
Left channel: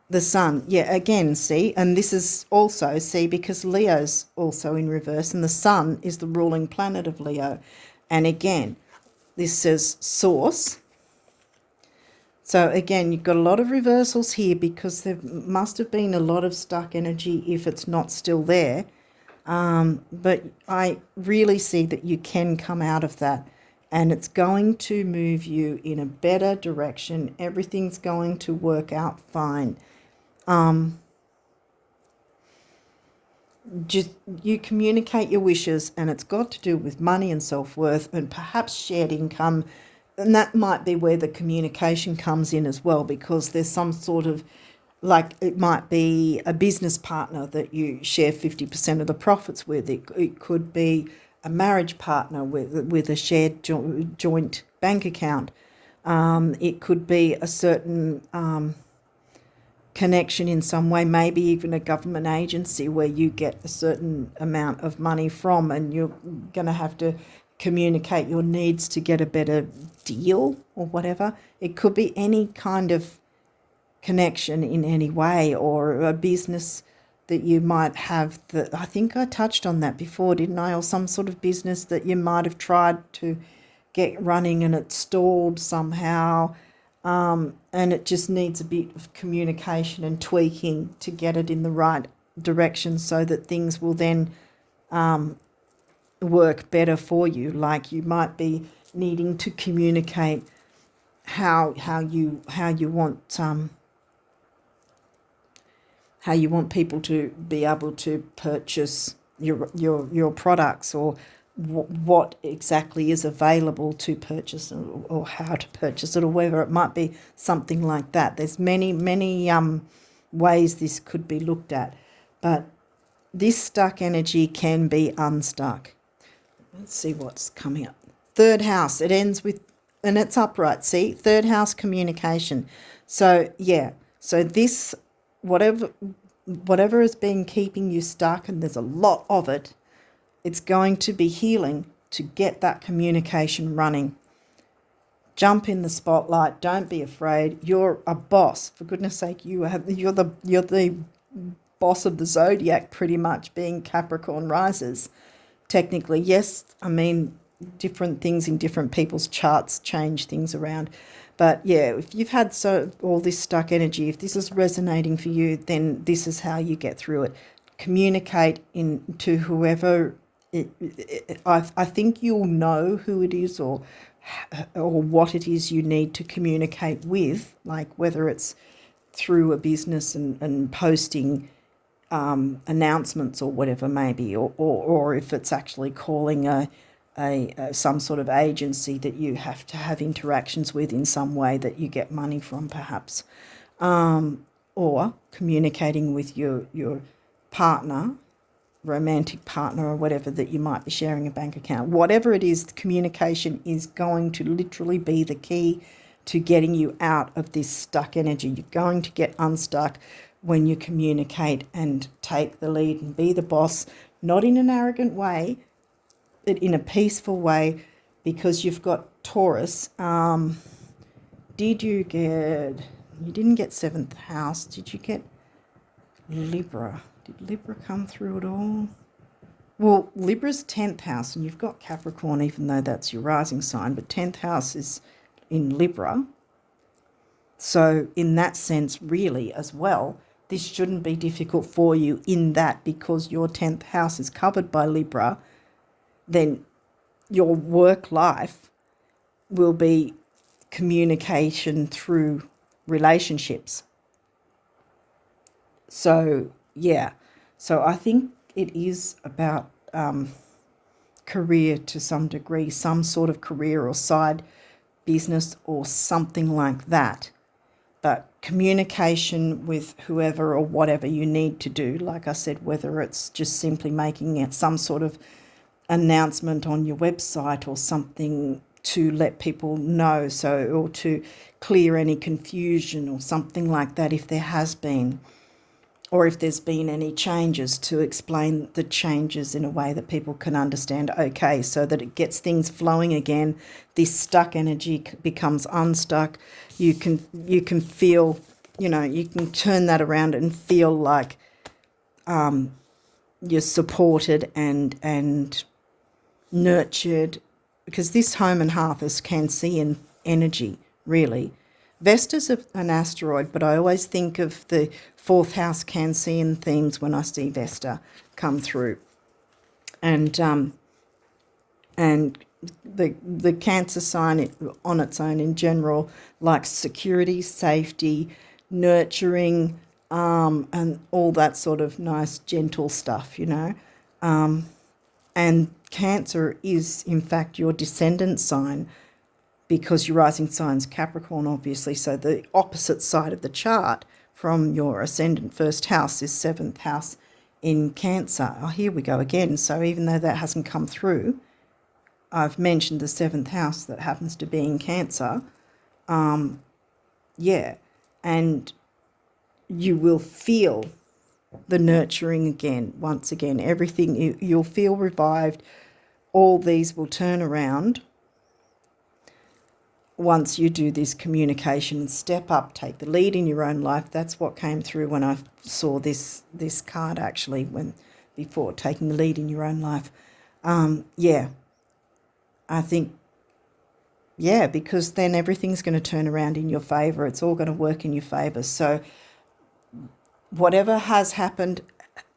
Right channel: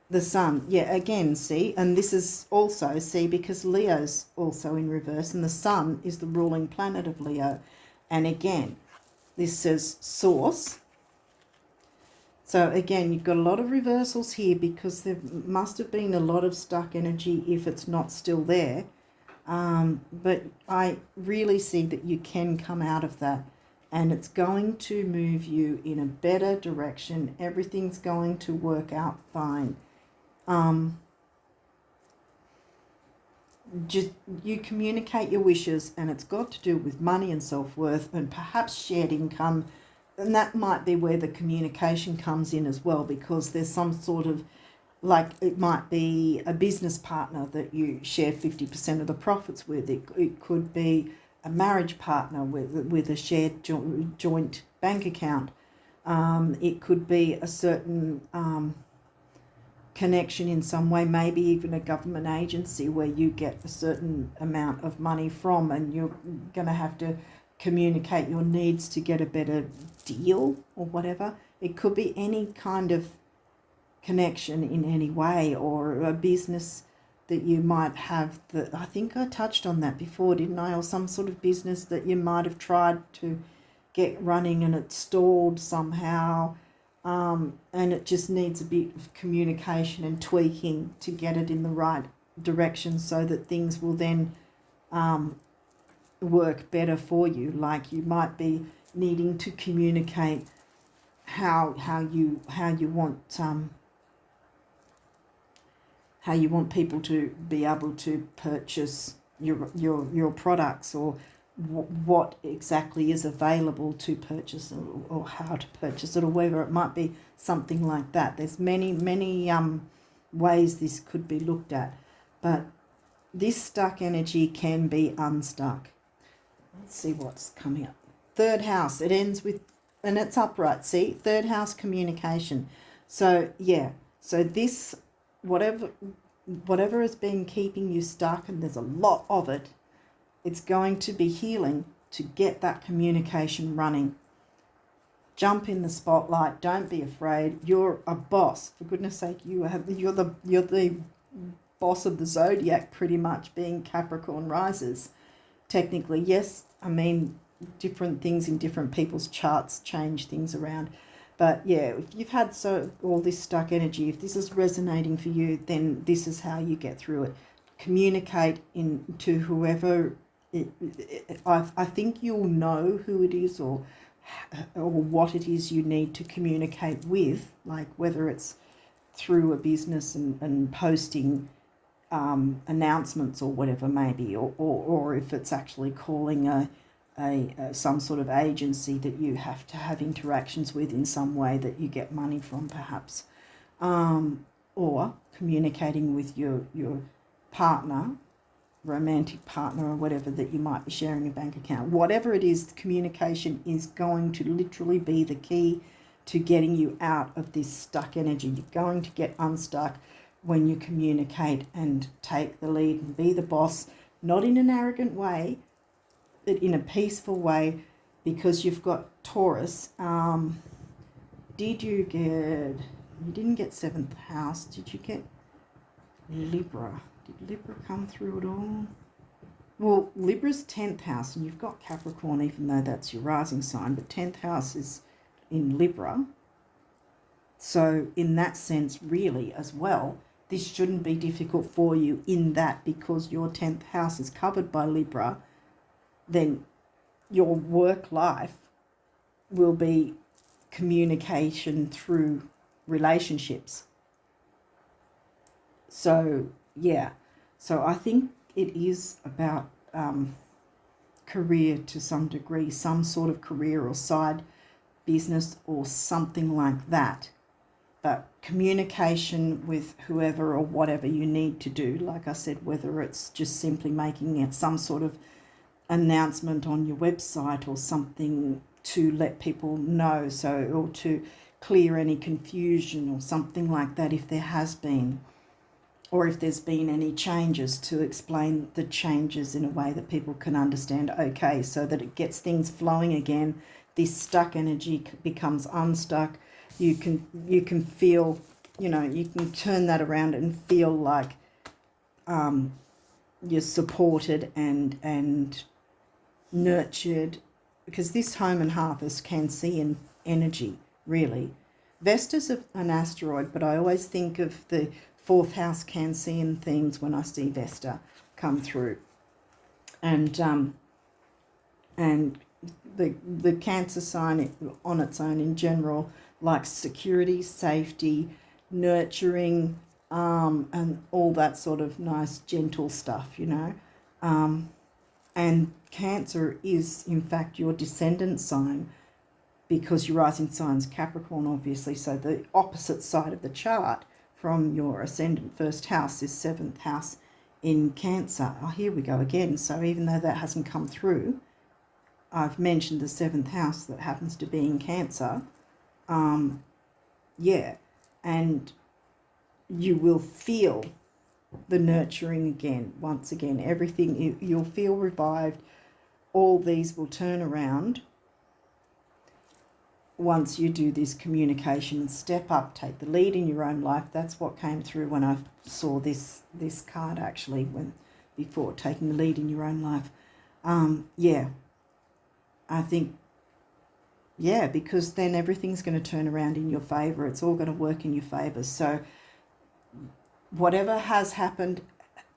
The sun, yeah, again, see, and this is also, see, because Leo's also in reverse, and the sun is the ruling planet of Leo. And again, this says source. So again, you've got a lot of reversals here, because there must have been a lot of stuck energy if it's not still there. But I really see that you can come out of that, and it's going to move you in a better direction. Everything's going to work out fine. Just you communicate your wishes, and it's got to do with money and self-worth and perhaps shared income, and that might be where the communication comes in as well, because there's some sort of, like, it might be a business partner that you share 50% of the profits with. It could be a marriage partner with a shared joint bank account. It could be a certain connection in some way, maybe even a government agency where you get a certain amount of money from, and you're going to have to communicate your needs to get a better deal or whatever. It could be any kind of connection in any way, or a business that you might have. That, I think I touched on that before, didn't I? Or some sort of business that you might have tried to get running and it stalled somehow. And it just needs a bit of communication and tweaking to get it in the right direction, so that things will then work better for you. Like, you might be needing to communicate how you want people to be able to purchase your products, or what exactly is available to purchase, or how to purchase it, or whether it might be something like that. There's many ways this could be looked at, but this stuck energy can be unstuck. Let's see what's coming up. Third house, it ends with, and it's upright, see, third house, communication. So yeah, so this, whatever has been keeping you stuck, and there's a lot of it, it's going to be healing to get that communication running. Jump in the spotlight. Don't be afraid. You're a boss, for goodness sake. You're the boss of the zodiac, pretty much, being Capricorn risers. Technically, yes. I mean, different things in different people's charts change things around. But yeah, if you've had all this stuck energy, if this is resonating for you, then this is how you get through it. Communicate to whoever. I think you'll know who it is, or what it is you need to communicate with, like whether it's through a business and posting announcements or whatever, maybe, or if it's actually calling a some sort of agency that you have to have interactions with in some way that you get money from, perhaps, or communicating with your partner, romantic partner, or whatever, that you might be sharing a bank account. Whatever it is, communication is going to literally be the key to getting you out of this stuck energy. You're going to get unstuck when you communicate and take the lead and be the boss, not in an arrogant way, but in a peaceful way, because you've got Taurus. You didn't get 7th house. Did you get Libra? Did Libra come through at all? Well, Libra's 10th house, and you've got Capricorn, even though that's your rising sign, but 10th house is in Libra. So in that sense, really, as well, this shouldn't be difficult for you in that, because your 10th house is covered by Libra, then your work life will be communication through relationships. So, yeah. So I think it is about career to some degree, some sort of career or side business or something like that. But communication with whoever or whatever you need to do, like I said, whether it's just simply making it some sort of announcement on your website or something to let people know, so, or to clear any confusion or something like that if there has been, or if there's been any changes, to explain the changes in a way that people can understand, okay, so that it gets things flowing again. This stuck energy becomes unstuck. You can feel, you can turn that around and feel like you're supported and nurtured, because this home and hearth is Cancerian energy, really. Vesta's an asteroid, but I always think of the 4th house Cancerian themes when I see Vesta come through. And the Cancer sign on its own in general likes security, safety, nurturing, and all that sort of nice, gentle stuff, And Cancer is, in fact, your descendant sign, because your rising sign's Capricorn, obviously. So the opposite side of the chart from your ascendant first house is 7th house in Cancer. Oh, here we go again. So even though that hasn't come through, I've mentioned the 7th house that happens to be in Cancer. Yeah, and you will feel the nurturing again, once again. Everything, you'll feel revived. All these will turn around once you do this communication and step up, take the lead in your own life. That's what came through when I saw this card, actually, before taking the lead in your own life. Yeah, I think, yeah, because then everything's going to turn around in your favour. It's all going to work in your favour. So whatever has happened,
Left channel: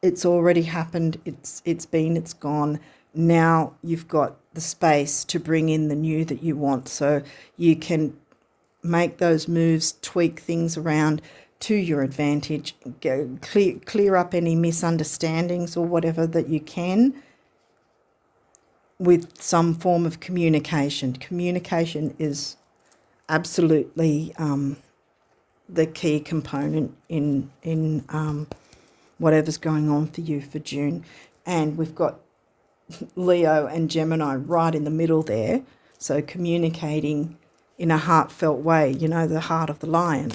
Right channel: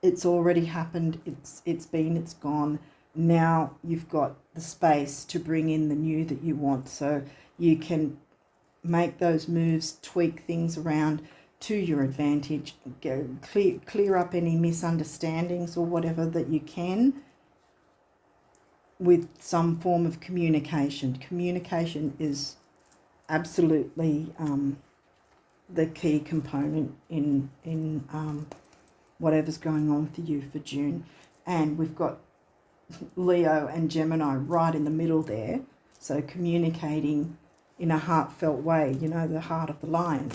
it's already happened. It's gone. Now you've got the space to bring in the new that you want, so you can make those moves, tweak things around to your advantage, clear up any misunderstandings or whatever that you can with some form of communication. Communication is absolutely the key component in whatever's going on for you for June. And we've got Leo and Gemini right in the middle there, so communicating in a heartfelt way, the heart of the lion.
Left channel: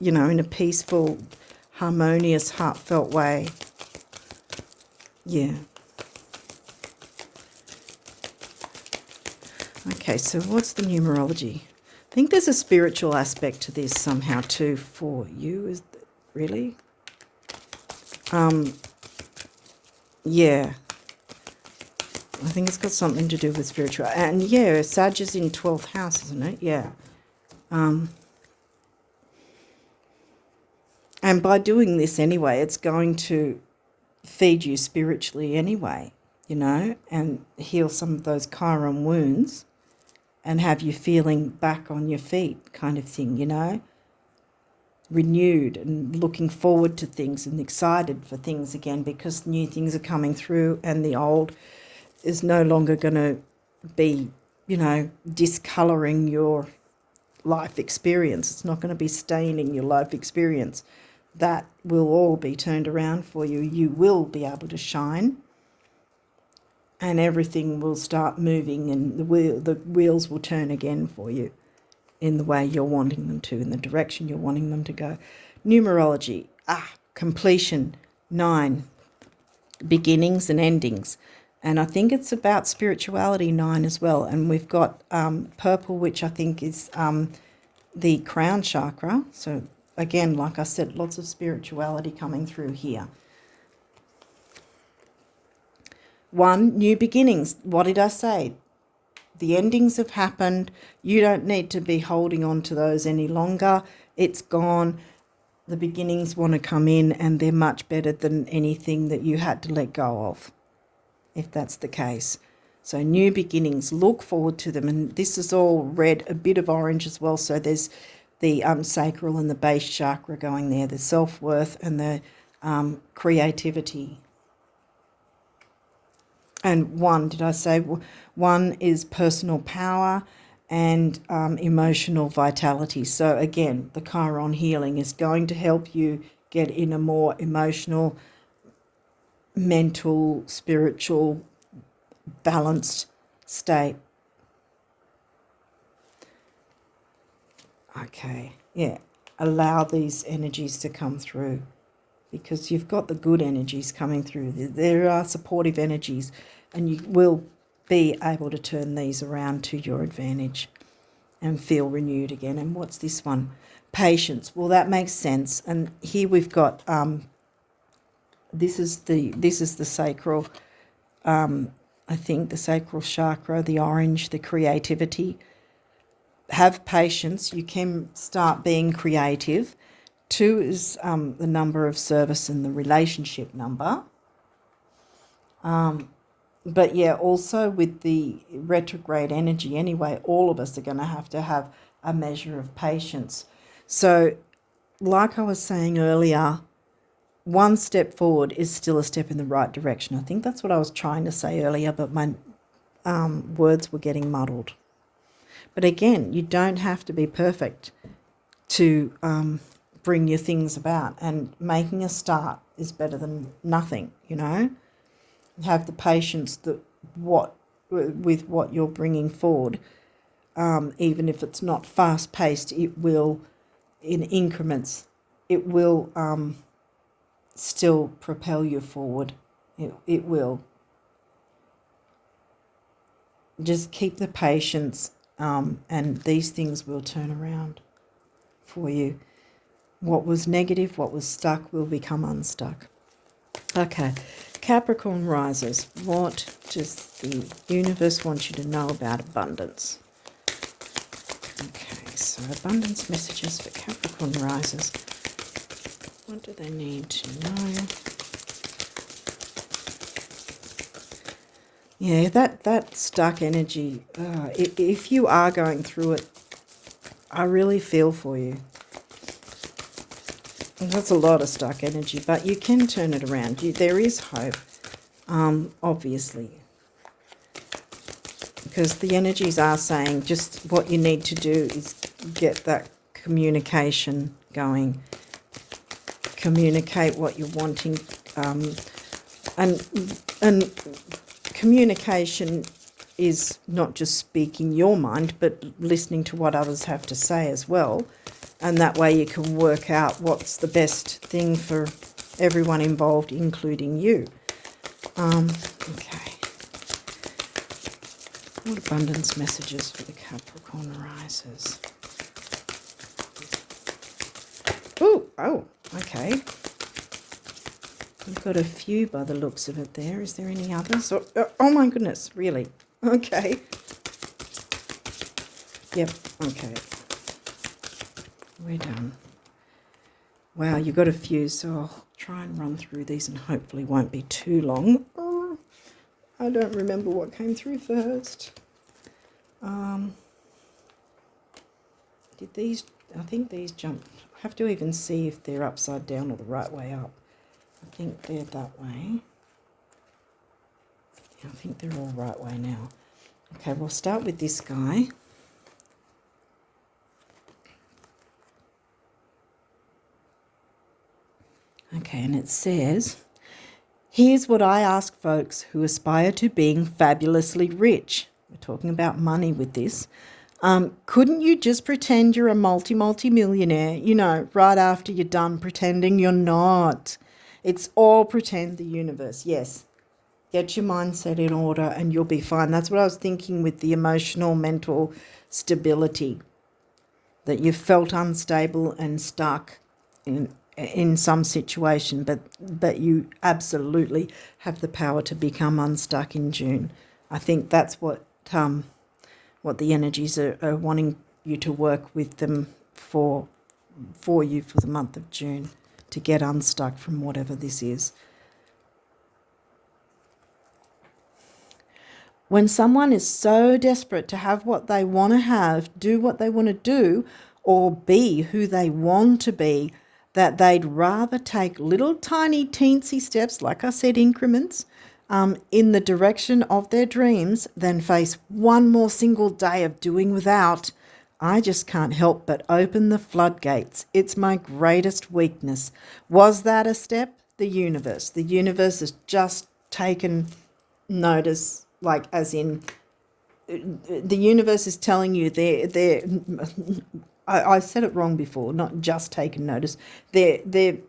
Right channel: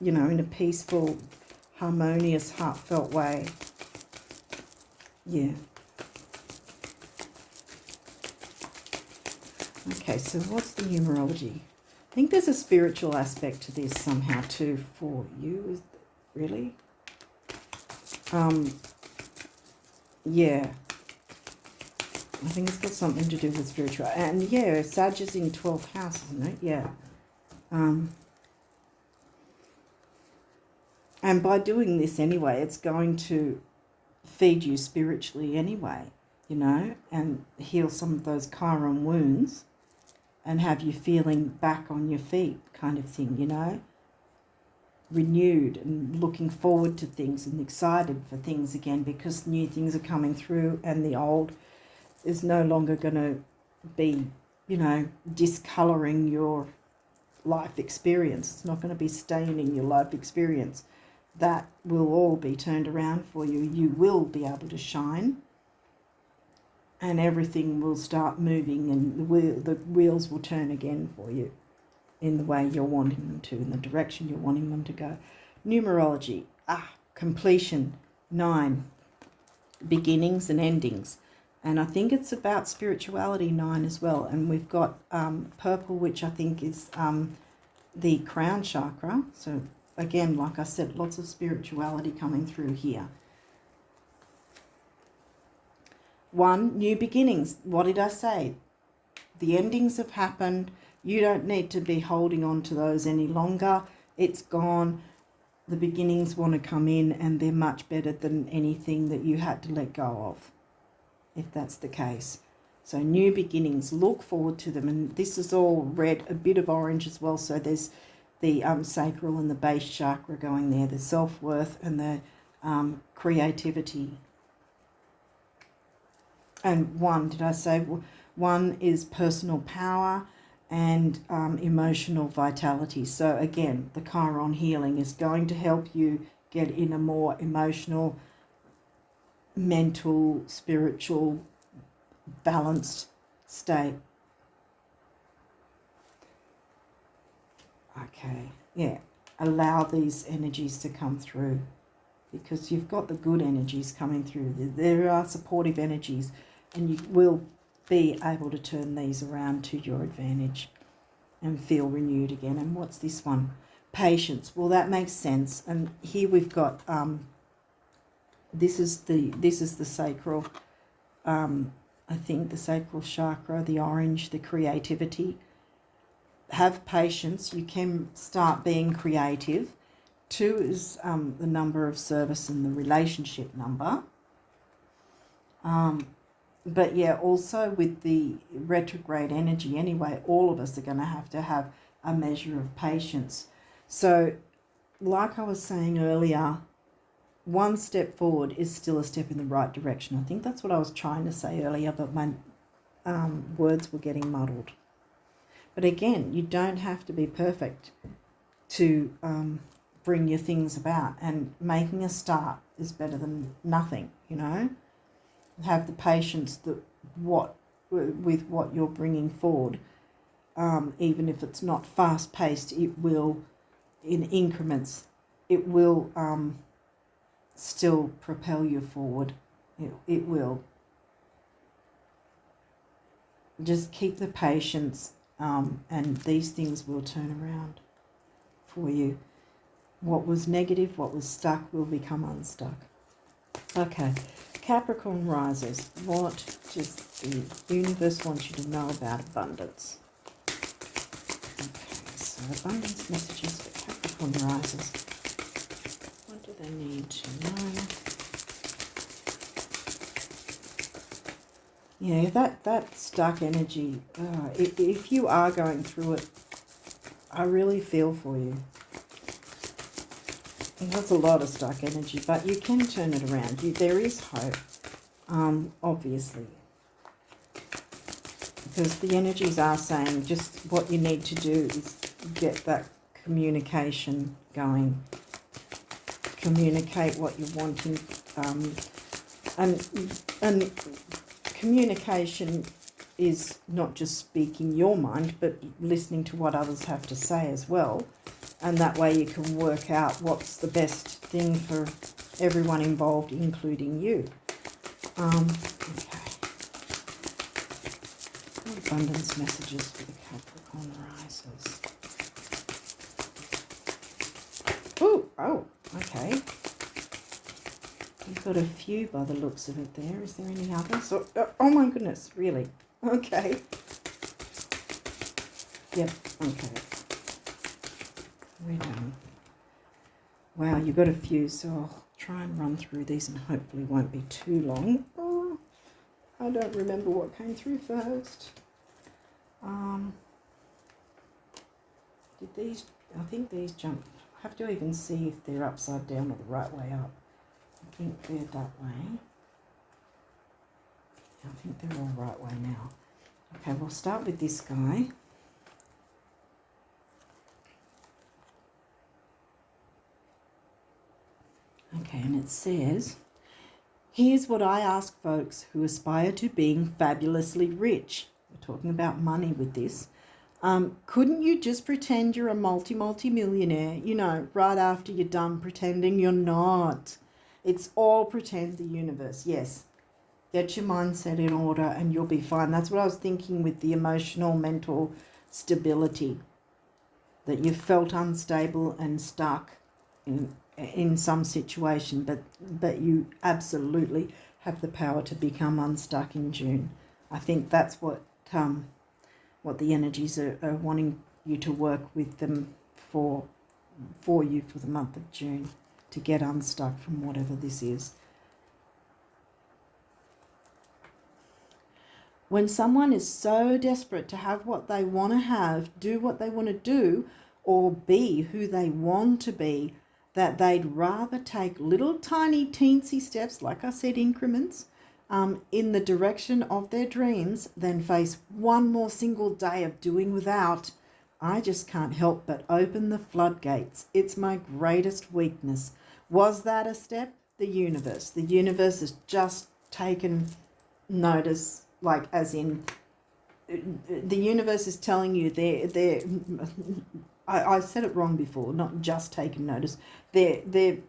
In a peaceful, harmonious, heartfelt way. Yeah. Okay, so what's the numerology? I think there's a spiritual aspect to this somehow too for you. Is really? Yeah. I think it's got something to do with spiritual. And yeah, Sag is in 12th house, isn't it? Yeah. And by doing this anyway, it's going to feed you spiritually anyway, and heal some of those Chiron wounds and have you feeling back on your feet kind of thing, renewed and looking forward to things and excited for things again, because new things are coming through and the old is no longer going to be, discolouring your life experience. It's not going to be staining your life experience. That will all be turned around for you. You will be able to shine, and everything will start moving, and the wheels will turn again for you in the way you're wanting them to, in the direction you're wanting them to go. Numerology, completion, 9, beginnings and endings. And I think it's about spirituality, 9 as well. And we've got purple, which I think is the crown chakra. So again, like I said, lots of spirituality coming through here. 1, new beginnings. What did I say? The endings have happened. You don't need to be holding on to those any longer. It's gone. The beginnings want to come in, and they're much better than anything that you had to let go of, if that's the case. So new beginnings, look forward to them. And this is all red, a bit of orange as well. So there's the sacral and the base chakra going there, the self-worth and the creativity. And 1, did I say 1 is personal power and emotional vitality. So again, the Chiron healing is going to help you get in a more emotional, mental, spiritual, balanced state. Okay, yeah, allow these energies to come through, because you've got the good energies coming through. There are supportive energies, and you will be able to turn these around to your advantage and feel renewed again. And what's this one? Patience. Well, that makes sense. And here we've got this is the sacral, I think the sacral chakra, the orange, the creativity. Have patience. You can start being creative. 2 is the number of service and the relationship number. But yeah, also with the retrograde energy anyway, all of us are going to have a measure of patience. So like I was saying earlier, 1 step forward is still a step in the right direction. I think that's what I was trying to say earlier, but my words were getting muddled. But again, you don't have to be perfect to bring your things about, and making a start is better than nothing, you know. Have the patience with what you're bringing forward, even if it's not fast paced. It will, in increments, it will still propel you forward. It will. Just keep the patience, and these things will turn around for you. What was negative, what was stuck, will become unstuck. Okay, Capricorn risers, what does the universe want you to know about abundance? Okay, so abundance messages for Capricorn risers. What do they need to know? Yeah, that stuck energy, if you are going through it, I really feel for you. That's a lot of stuck energy, but you can turn it around. There is hope, obviously, because the energies are saying just what you need to do is get that communication going. Communicate what you're wanting, and communication is not just speaking your mind, but listening to what others have to say as well. And that way you can work out what's the best thing for everyone involved, including you. Okay. What abundance messages for the Capricorn risers? Oh, okay. You've got a few by the looks of it there. Is there any others? Oh my goodness, really? Okay. Yep, okay. We're done. Wow, you've got a few, so I'll try and run through these and hopefully won't be too long. Oh, I don't remember what came through first. Did these, I think these jumped. I have to even see if they're upside down or the right way up. I think they're that way. Yeah, I think they're all right way now. Okay, we'll start with this guy. Okay, and it says, here's what I ask folks who aspire to being fabulously rich. We're talking about money with this. Couldn't you just pretend you're a multi-millionaire, you know, right after you're done pretending you're not? It's all pretend, the universe. Yes. Get your mindset in order and you'll be fine. That's what I was thinking with the emotional, mental stability. That you felt unstable and stuck. in some situation, but you absolutely have the power to become unstuck in June. I think that's what the energies are wanting you to work with them for you for the month of June, to get unstuck from whatever this is. When someone is so desperate to have what they want to have, do what they want to do, or be who they want to be, that they'd rather take little tiny teensy steps, like I said, increments, in the direction of their dreams than face one more single day of doing without. I just can't help but open the floodgates. It's my greatest weakness. Was that a step? The universe. The universe has just taken notice, like as in the universe is telling you I said it wrong before, not just taken notice. The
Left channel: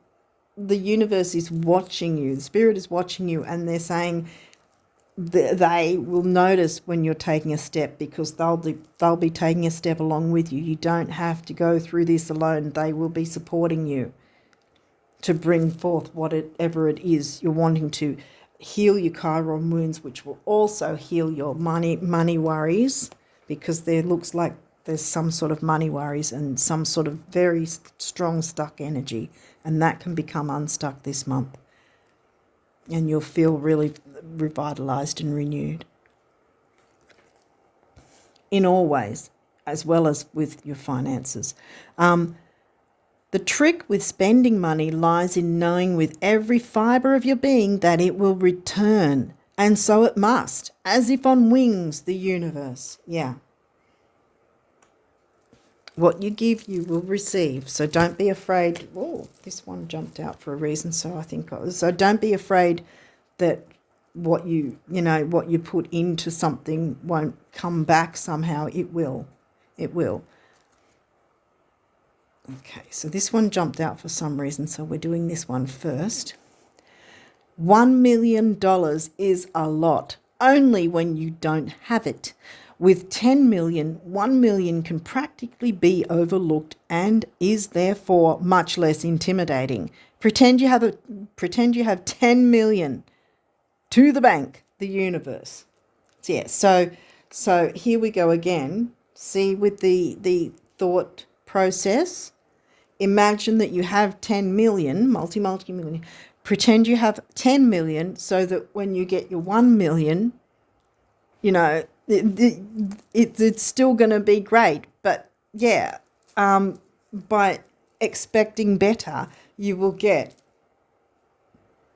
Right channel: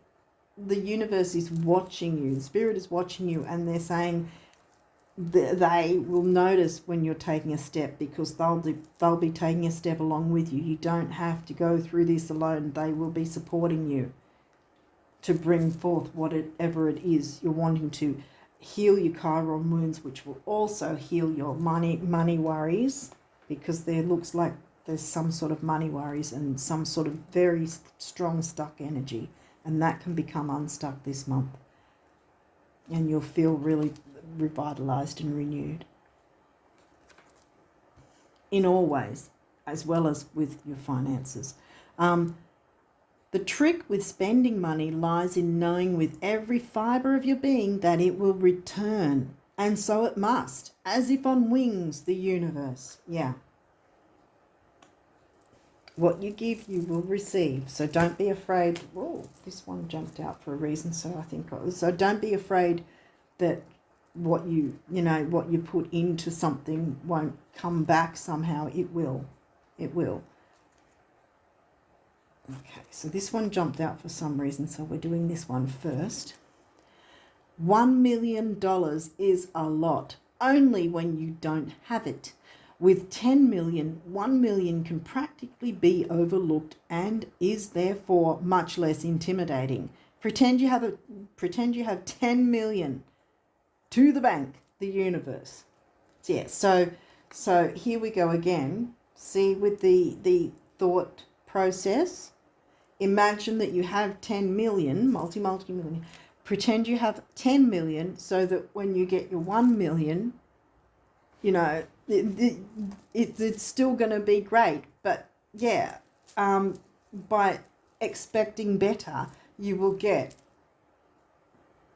universe is watching you. The spirit is watching you, and they're saying they will notice when you're taking a step, because they'll be taking a step along with you. You don't have to go through this alone. They will be supporting you to bring forth whatever it is you're wanting to heal your Chiron wounds, which will also heal your money worries, because there looks like there's some sort of money worries and some sort of very strong stuck energy, and that can become unstuck this month, and you'll feel really revitalized and renewed in all ways, as well as with your finances. The trick with spending money lies in knowing with every fibre of your being that it will return, and so it must, as if on wings, the universe. Yeah. What you give, you will receive. So don't be afraid. Oh, this one jumped out for a reason, so I think so. Don't be afraid that what you put into something won't come back somehow. It will. It will. Okay, so this one jumped out for some reason, so we're doing this one first. $1 million is a lot, only when you don't have it. With 10 million, 1 million can practically be overlooked and is therefore much less intimidating. Pretend you have 10 million to the bank, the universe. Yeah, so here we go again. See, with the thought process, imagine that you have 10 million, multi-million. Pretend you have 10 million so that when you get your 1 million, it's still going to be great. But yeah, by expecting better, you will get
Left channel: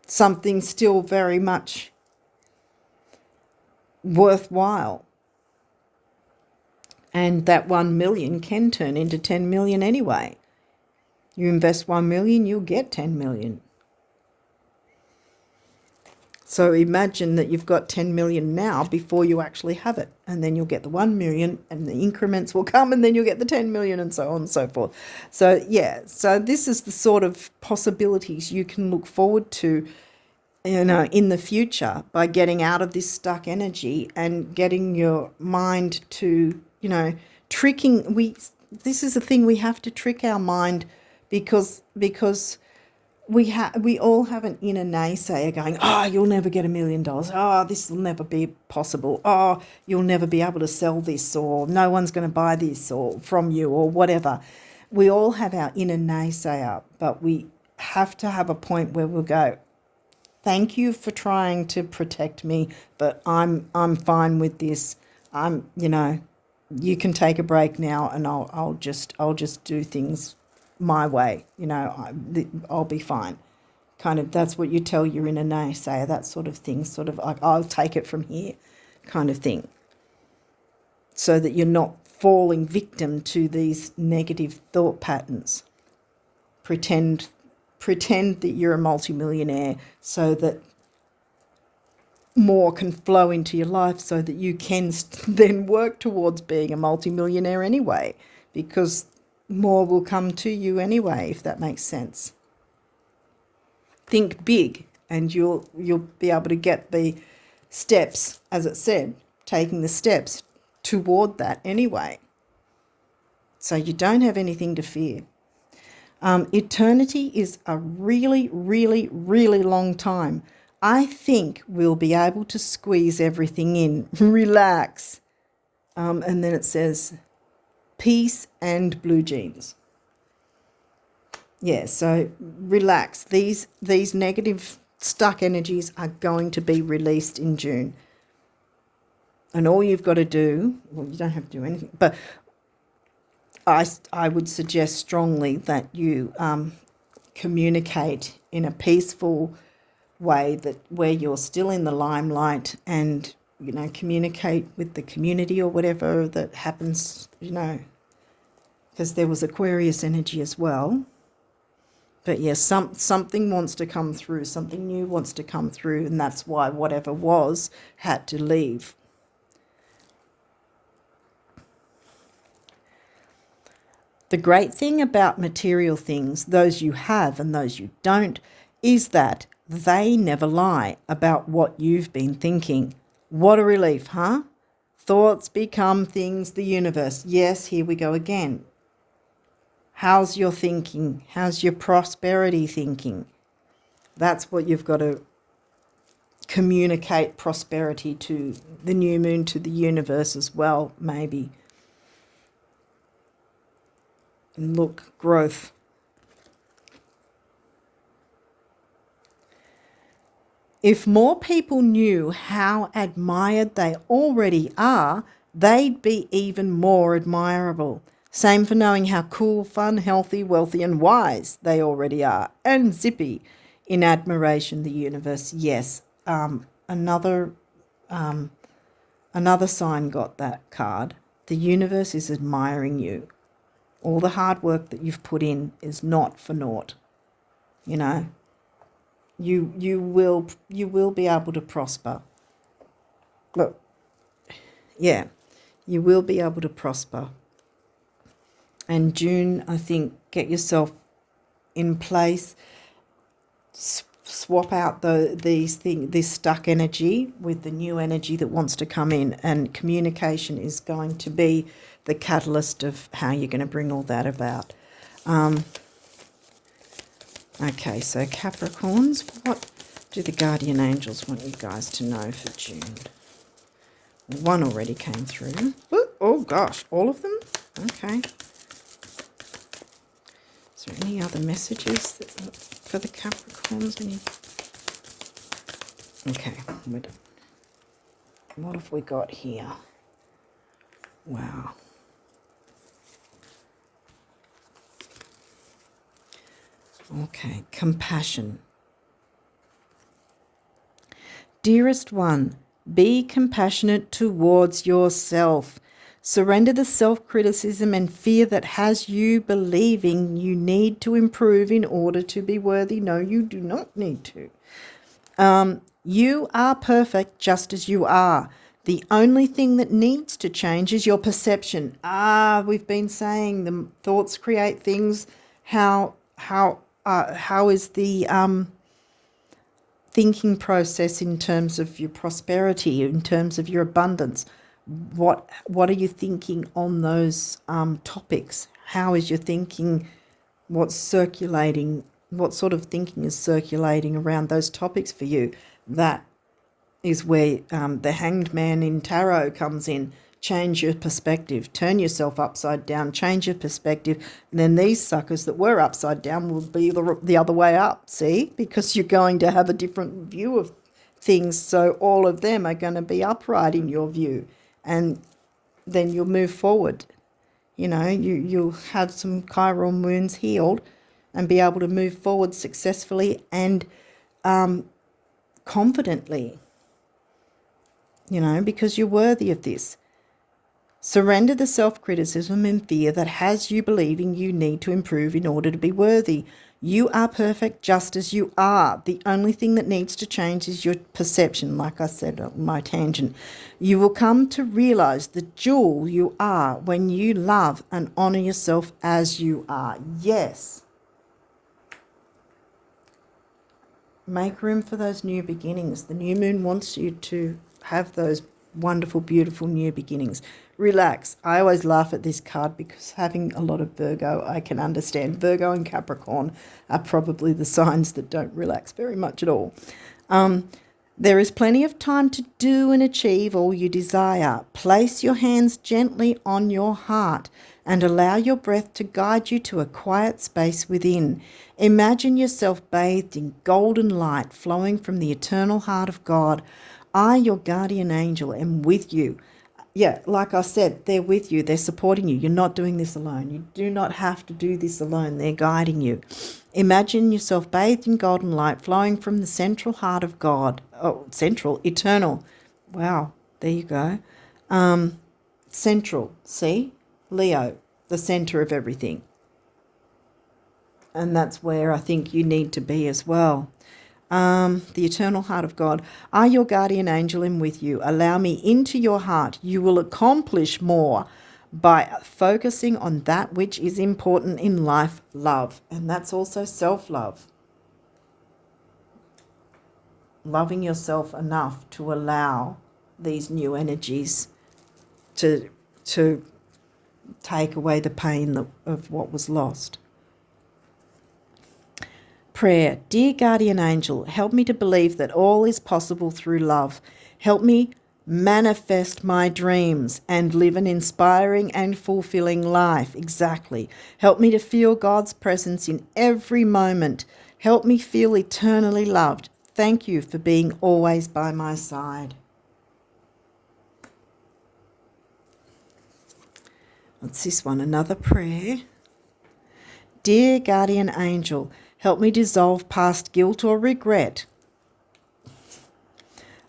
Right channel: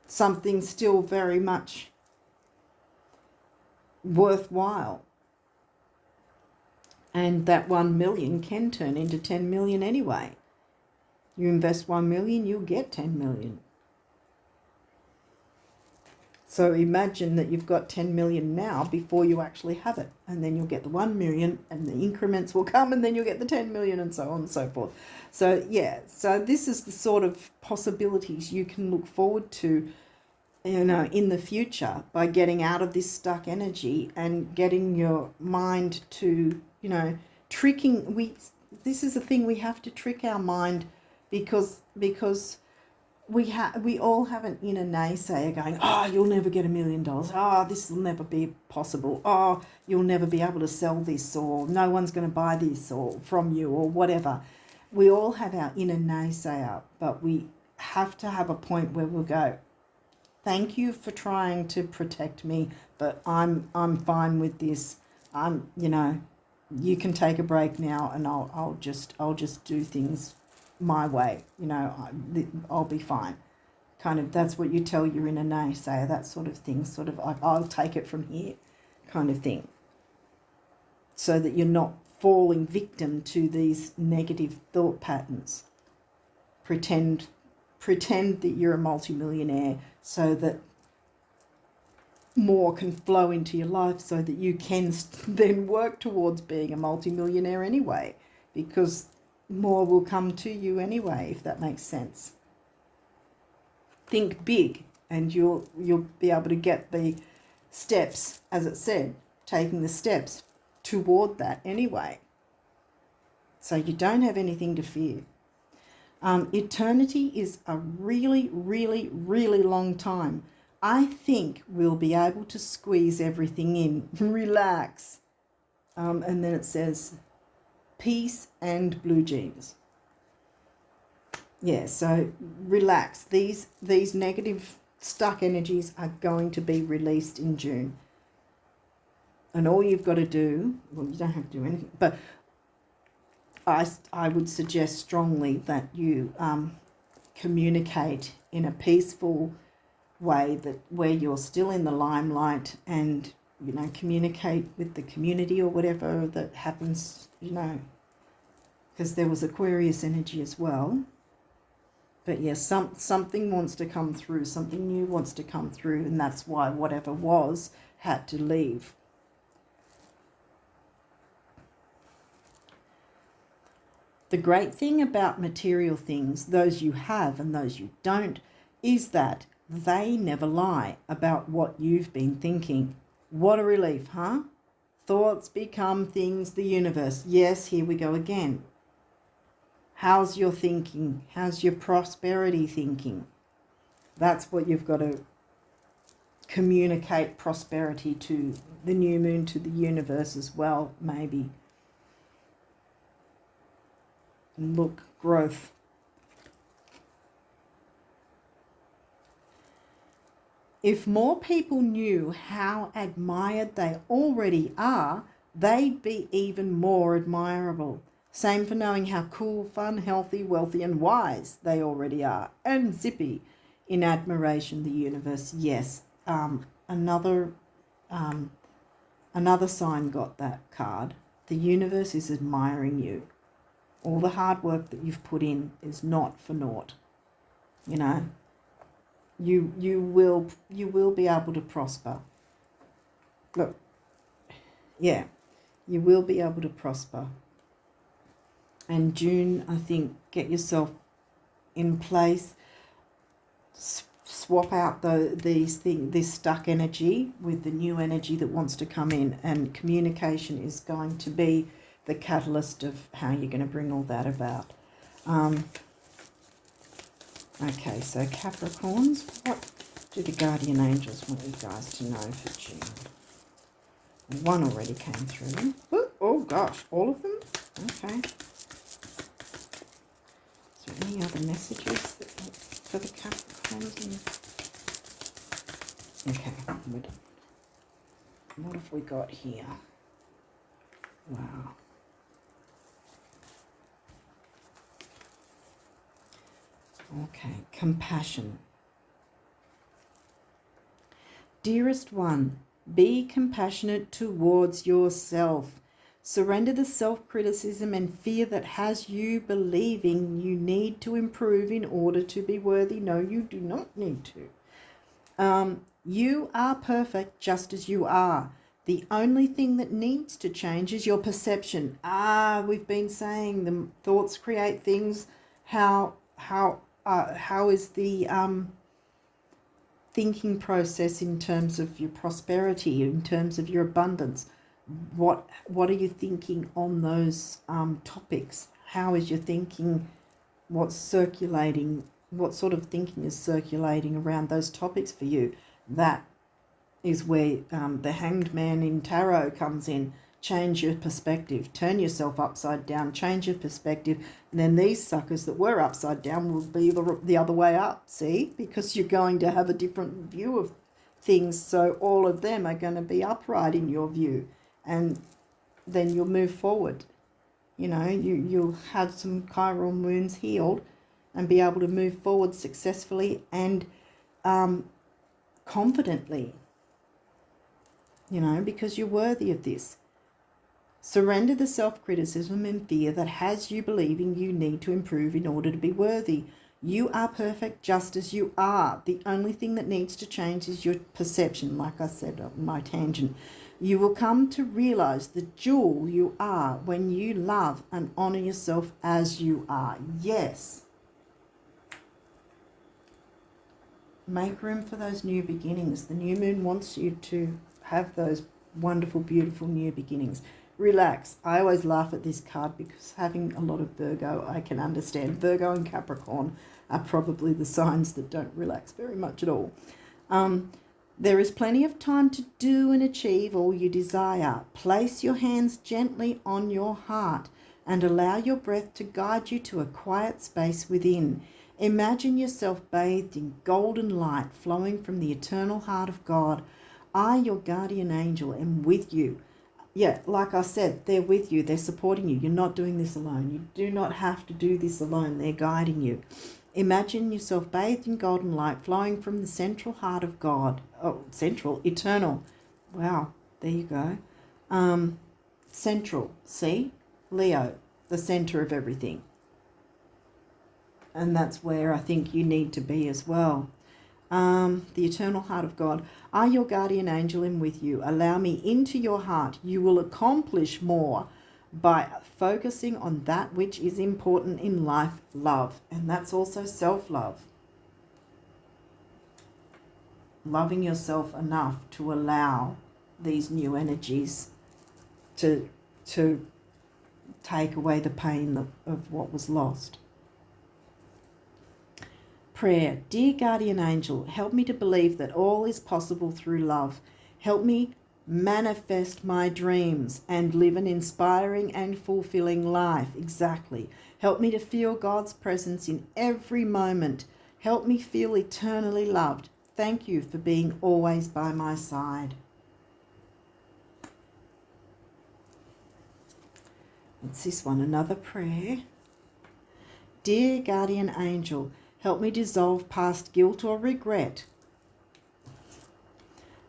something still very much worthwhile. And that 1 million can turn into 10 million anyway. You invest 1 million, you'll get 10 million. So imagine that you've got 10 million now before you actually have it, and then you'll get the 1 million, and the increments will come, and then you'll get the 10 million, and so on and so forth. So yeah, so this is the sort of possibilities you can look forward to, in the future, by getting out of this stuck energy and getting your mind to, tricking. This is the thing, we have to trick our mind, because we all have an inner naysayer going, oh, you'll never get $1 million. Oh, this will never be possible. Oh, you'll never be able to sell this, or no one's going to buy this or from you, or whatever. We all have our inner naysayer, but we have to have a point where we'll go, thank you for trying to protect me, but I'm fine with this. You can take a break now, and I'll just do things my way. I'll be fine. Kind of, that's what you tell your inner naysayer, that sort of thing, sort of like, I'll take it from here kind of thing, so that you're not falling victim to these negative thought patterns. Pretend that you're a multimillionaire, so that more can flow into your life, so that you can then work towards being a multimillionaire anyway, because more will come to you anyway, if that makes sense. Think big, and you'll be able to get the steps, as it said, taking the steps toward that anyway. So you don't have anything to fear. Eternity is a really, really, really long time. I think we'll be able to squeeze everything in. Relax. And then it says peace and blue jeans. Yeah, so relax. These negative stuck energies are going to be released in June. And all you've got to do, well, you don't have to do anything, but I would suggest strongly that you communicate in a peaceful way, that where you're still in the limelight, and communicate with the community or whatever that happens, because there was Aquarius energy as well. But yes, something wants to come through, something new wants to come through, and that's why whatever was had to leave. The great thing about material things, those you have and those you don't, is that they never lie about what you've been thinking. What a relief, huh? Thoughts become things, the universe. Yes, here we go again. How's your thinking? How's your prosperity thinking? That's what you've got to communicate, prosperity to the new moon, to the universe as well, maybe. And look, growth. If more people knew how admired they already are, they'd be even more admirable. Same for knowing how cool, fun, healthy, wealthy and wise they already are. And zippy in admiration, the universe. Yes, another sign got that card. The universe is admiring you. All the hard work that you've put in is not for naught. You will be able to prosper. Look, yeah, you will be able to prosper. And June, I think, get yourself in place. Swap out this stuck energy with the new energy that wants to come in, and communication is going to be the catalyst of how you're going to bring all that about. Okay, so Capricorns, what do the guardian angels want you guys to know for June? One already came through. Oh gosh, all of them? Okay. Is there any other messages for the Capricorns? Okay, what have we got here? Wow. Okay, compassion. Dearest one, be compassionate towards yourself. Surrender the self-criticism and fear that has you believing you need to improve in order to be worthy. No, you do not need to. You are perfect just as you are. The only thing that needs to change is your perception. We've been saying the thoughts create things. How is the thinking process in terms of your prosperity, in terms of your abundance? What are you thinking on those topics? How is your thinking? What's circulating? What sort of thinking is circulating around those topics for you? That is where the Hanged Man in tarot comes in. Change your perspective. Turn yourself upside down. Change your perspective. And then these suckers that were upside down will be the other way up, see? Because you're going to have a different view of things. So all of them are going to be upright in your view. And then you'll move forward. You'll have some Chiron wounds healed and be able to move forward successfully and confidently, because you're worthy of this. Surrender the self-criticism and fear that has you believing you need to improve in order to be worthy. You are perfect just as you are. The only thing that needs to change is your perception, like I said on my tangent. You will come to realize the jewel you are when you love and honor yourself as you are. Yes. Make room for those new beginnings. The new moon wants you to have those wonderful, beautiful new beginnings. Relax. I always laugh at this card because having a lot of Virgo, I can understand. Virgo and Capricorn are probably the signs that don't relax very much at all. There is plenty of time to do and achieve all you desire. Place your hands gently on your heart and allow your breath to guide you to a quiet space within. Imagine yourself bathed in golden light flowing from the eternal heart of God. I, your guardian angel, am with you. Yeah, like I said, they're with you. They're supporting you. You're not doing this alone. You do not have to do this alone. They're guiding you. Imagine yourself bathed in golden light flowing from the central heart of God. Oh, central, eternal. Wow, there you go. Central, see? Leo, the center of everything. And that's where I think you need to be as well. The eternal heart of God. I, your guardian angel, am with you. Allow me into your heart. You will accomplish more by focusing on that which is important in life, love. And that's also self-love. Loving yourself enough to allow these new energies to take away the pain of what was lost. Prayer. Dear guardian angel, help me to believe that all is possible through love. Help me manifest my dreams and live an inspiring and fulfilling life. Exactly. Help me to feel God's presence in every moment. Help me feel eternally loved. Thank you for being always by my side. What's this one? Another prayer. Dear guardian angel, help me dissolve past guilt or regret.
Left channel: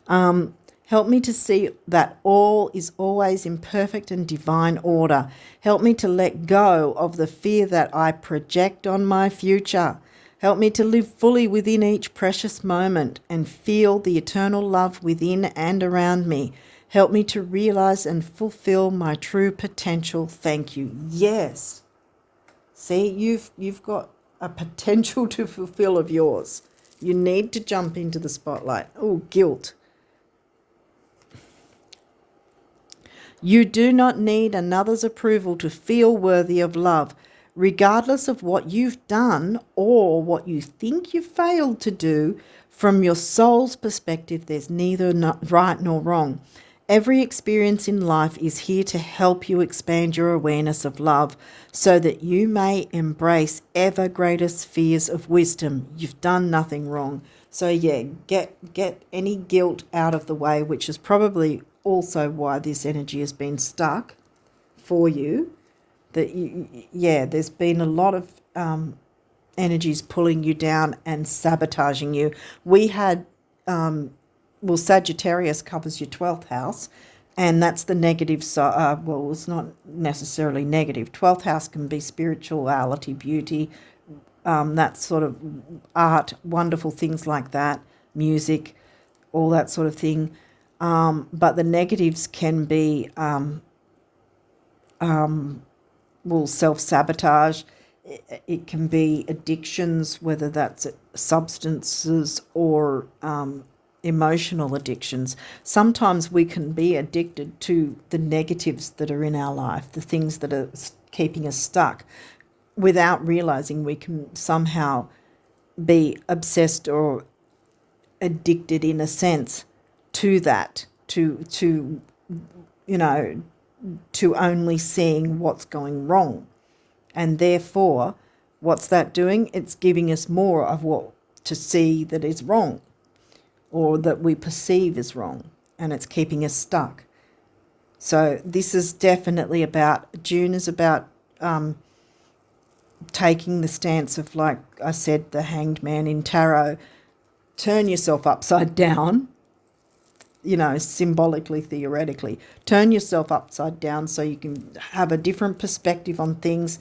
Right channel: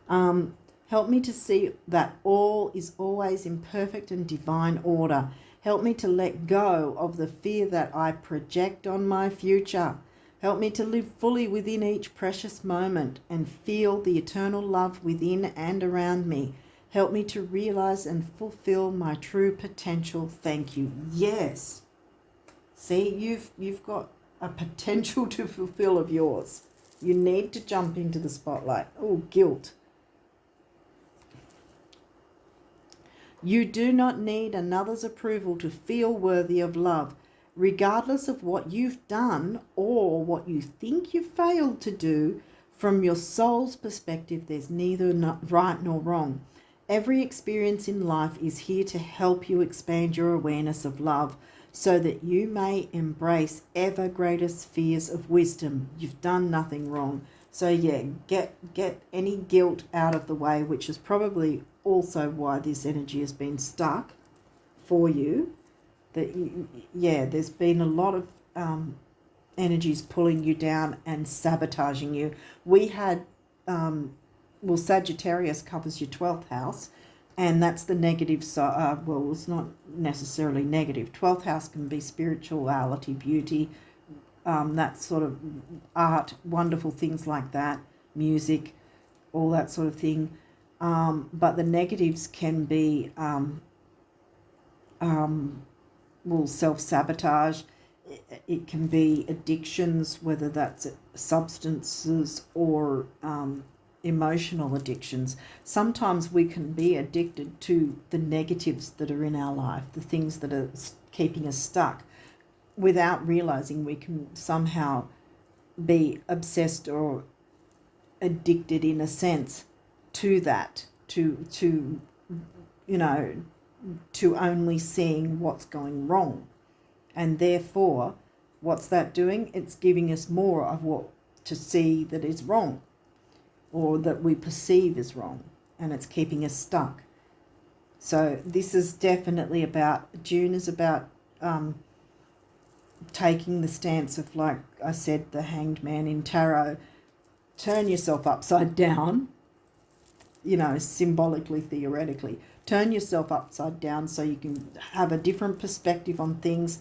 Help me to see that all is always in perfect and divine order. Help me to let go of the fear that I project on my future. Help me to live fully within each precious moment and feel the eternal love within and around me. Help me to realize and fulfill my true potential. Thank you. Yes. See, you've got a potential to fulfill of yours. You need to jump into the spotlight. Oh, guilt. You do not need another's approval to feel worthy of love. Regardless of what you've done or what you think you failed to do, from your soul's perspective, there's neither right nor wrong. Every experience in life is here to help you expand your awareness of love so that you may embrace ever greater spheres of wisdom. You've done nothing wrong. So yeah, get any guilt out of the way, which is probably also why this energy has been stuck for you. There's been a lot of energies pulling you down and sabotaging you. We had Sagittarius covers your 12th house, and that's the negative side. It's not necessarily negative. 12th house can be spirituality, beauty, that sort of art, wonderful things like that, music, all that sort of thing. But the negatives can be self-sabotage. It can be addictions, whether that's substances or emotional addictions. Sometimes we can be addicted to the negatives that are in our life, the things that are keeping us stuck. Without realizing, we can somehow be obsessed or addicted in a sense to that, to only seeing what's going wrong. And therefore, what's that doing? It's giving us more of what to see that is wrong or that we perceive as wrong, and it's keeping us stuck. So this is definitely June is about taking the stance of, like I said, the Hanged Man in tarot. Turn yourself upside down, symbolically, theoretically. Turn yourself upside down so you can have a different perspective on things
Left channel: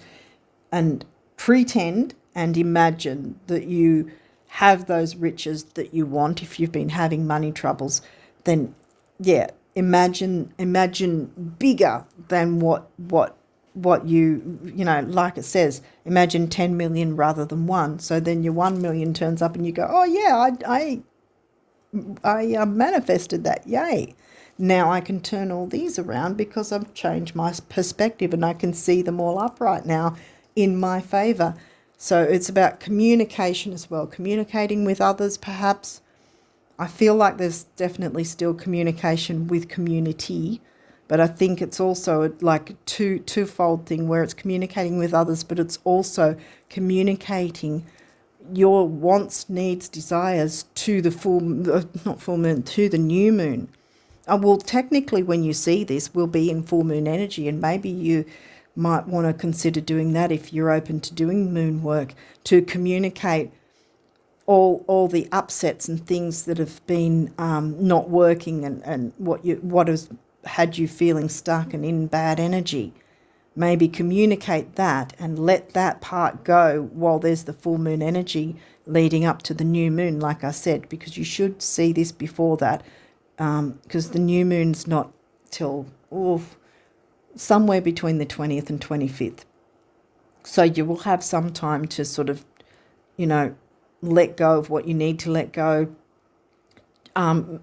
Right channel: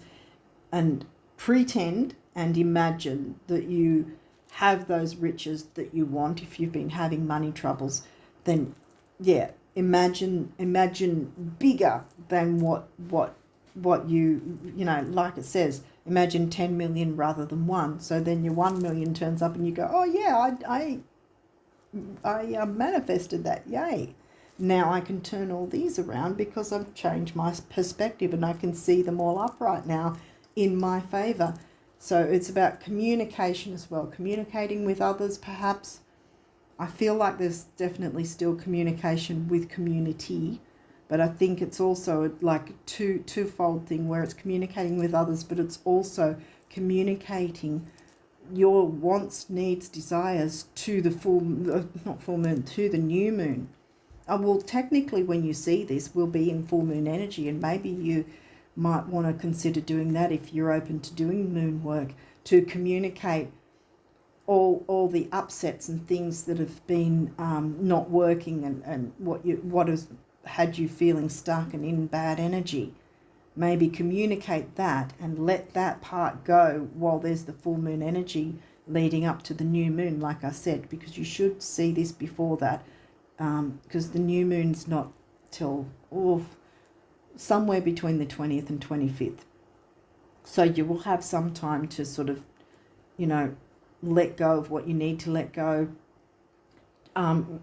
and pretend and imagine that you have those riches that you want. If you've been having money troubles, then imagine bigger than what you like it says, imagine 10 million rather than 1. So then your 1 million turns up and you go, oh yeah, I manifested that, yay. Now I can turn all these around because I've changed my perspective and I can see them all upright now in my favor. So it's about communication as well, communicating with others perhaps. I feel like there's definitely still communication with community, but I think it's also like a twofold thing where it's communicating with others, but it's also communicating your wants, needs, desires to the to the new moon. Well, technically, when you see this, we'll be in full moon energy, and maybe you might want to consider doing that if you're open to doing moon work, to communicate all the upsets and things that have been not working, and what has had you feeling stuck and in bad energy. Maybe communicate that and let that part go while there's the full moon energy leading up to the new moon, like I said, because you should see this before that, because the new moon's not till somewhere between the 20th and 25th. So you will have some time to sort of, let go of what you need to let go,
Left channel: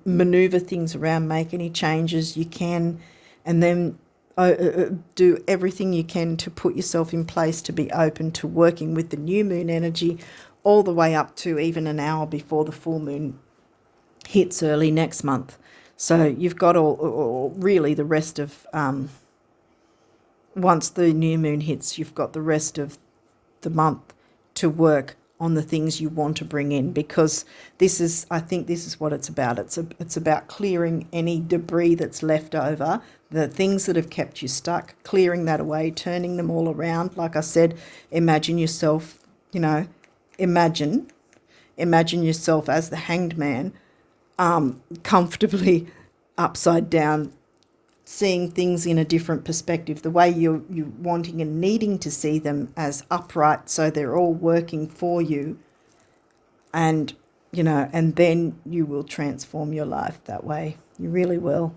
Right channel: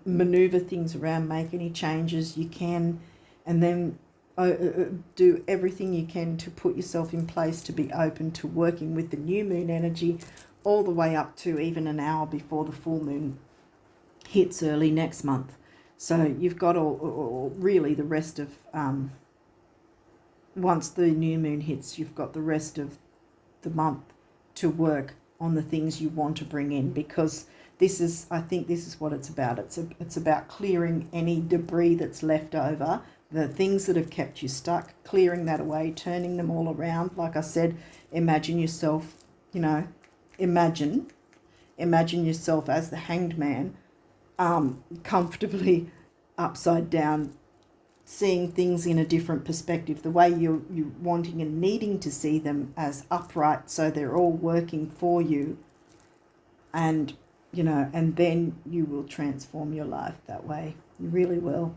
maneuver things around, make any changes you can, and then do everything you can to put yourself in place to be open to working with the new moon energy all the way up to even an hour before the full moon hits early next month. So you've got all really the rest of, once the new moon hits, you've got the rest of the month to work on the things you want to bring in, because I think this is what it's about. It's about clearing any debris that's left over, the things that have kept you stuck, clearing that away, turning them all around. Like I said, imagine yourself, imagine yourself as the hanged man, comfortably upside down, seeing things in a different perspective, the way you're wanting and needing to see them as upright, so they're all working for you, and and then you will transform your life that way. You really will,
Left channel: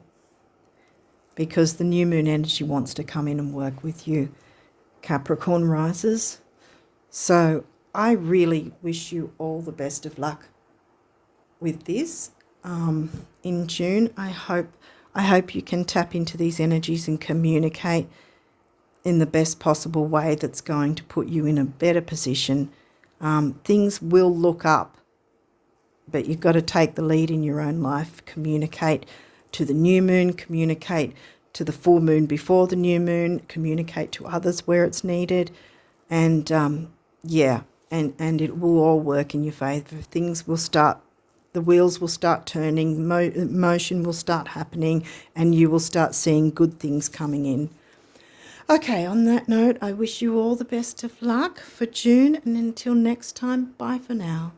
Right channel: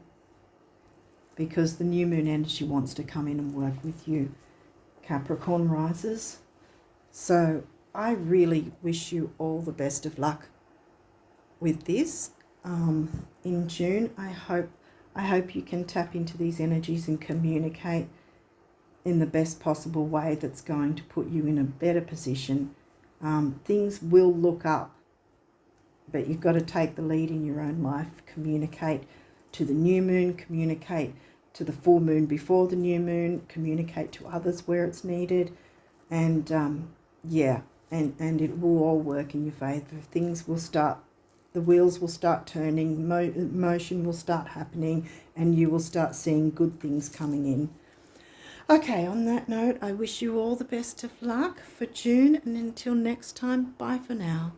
because the new moon energy wants to come in and work with you, Capricorn risers. So I really wish you all the best of luck with this in June. I hope you can tap into these energies and communicate in the best possible way that's going to put you in a better position. Things will look up, but you've got to take the lead in your own life. Communicate to the new moon, communicate to the full moon before the new moon, communicate to others where it's needed, and and it will all work in your favour. Things will start, the wheels will start turning, motion will start happening, and you will start seeing good things coming in. Okay, on that note, I wish you all the best of luck for June, and until next time, bye for now.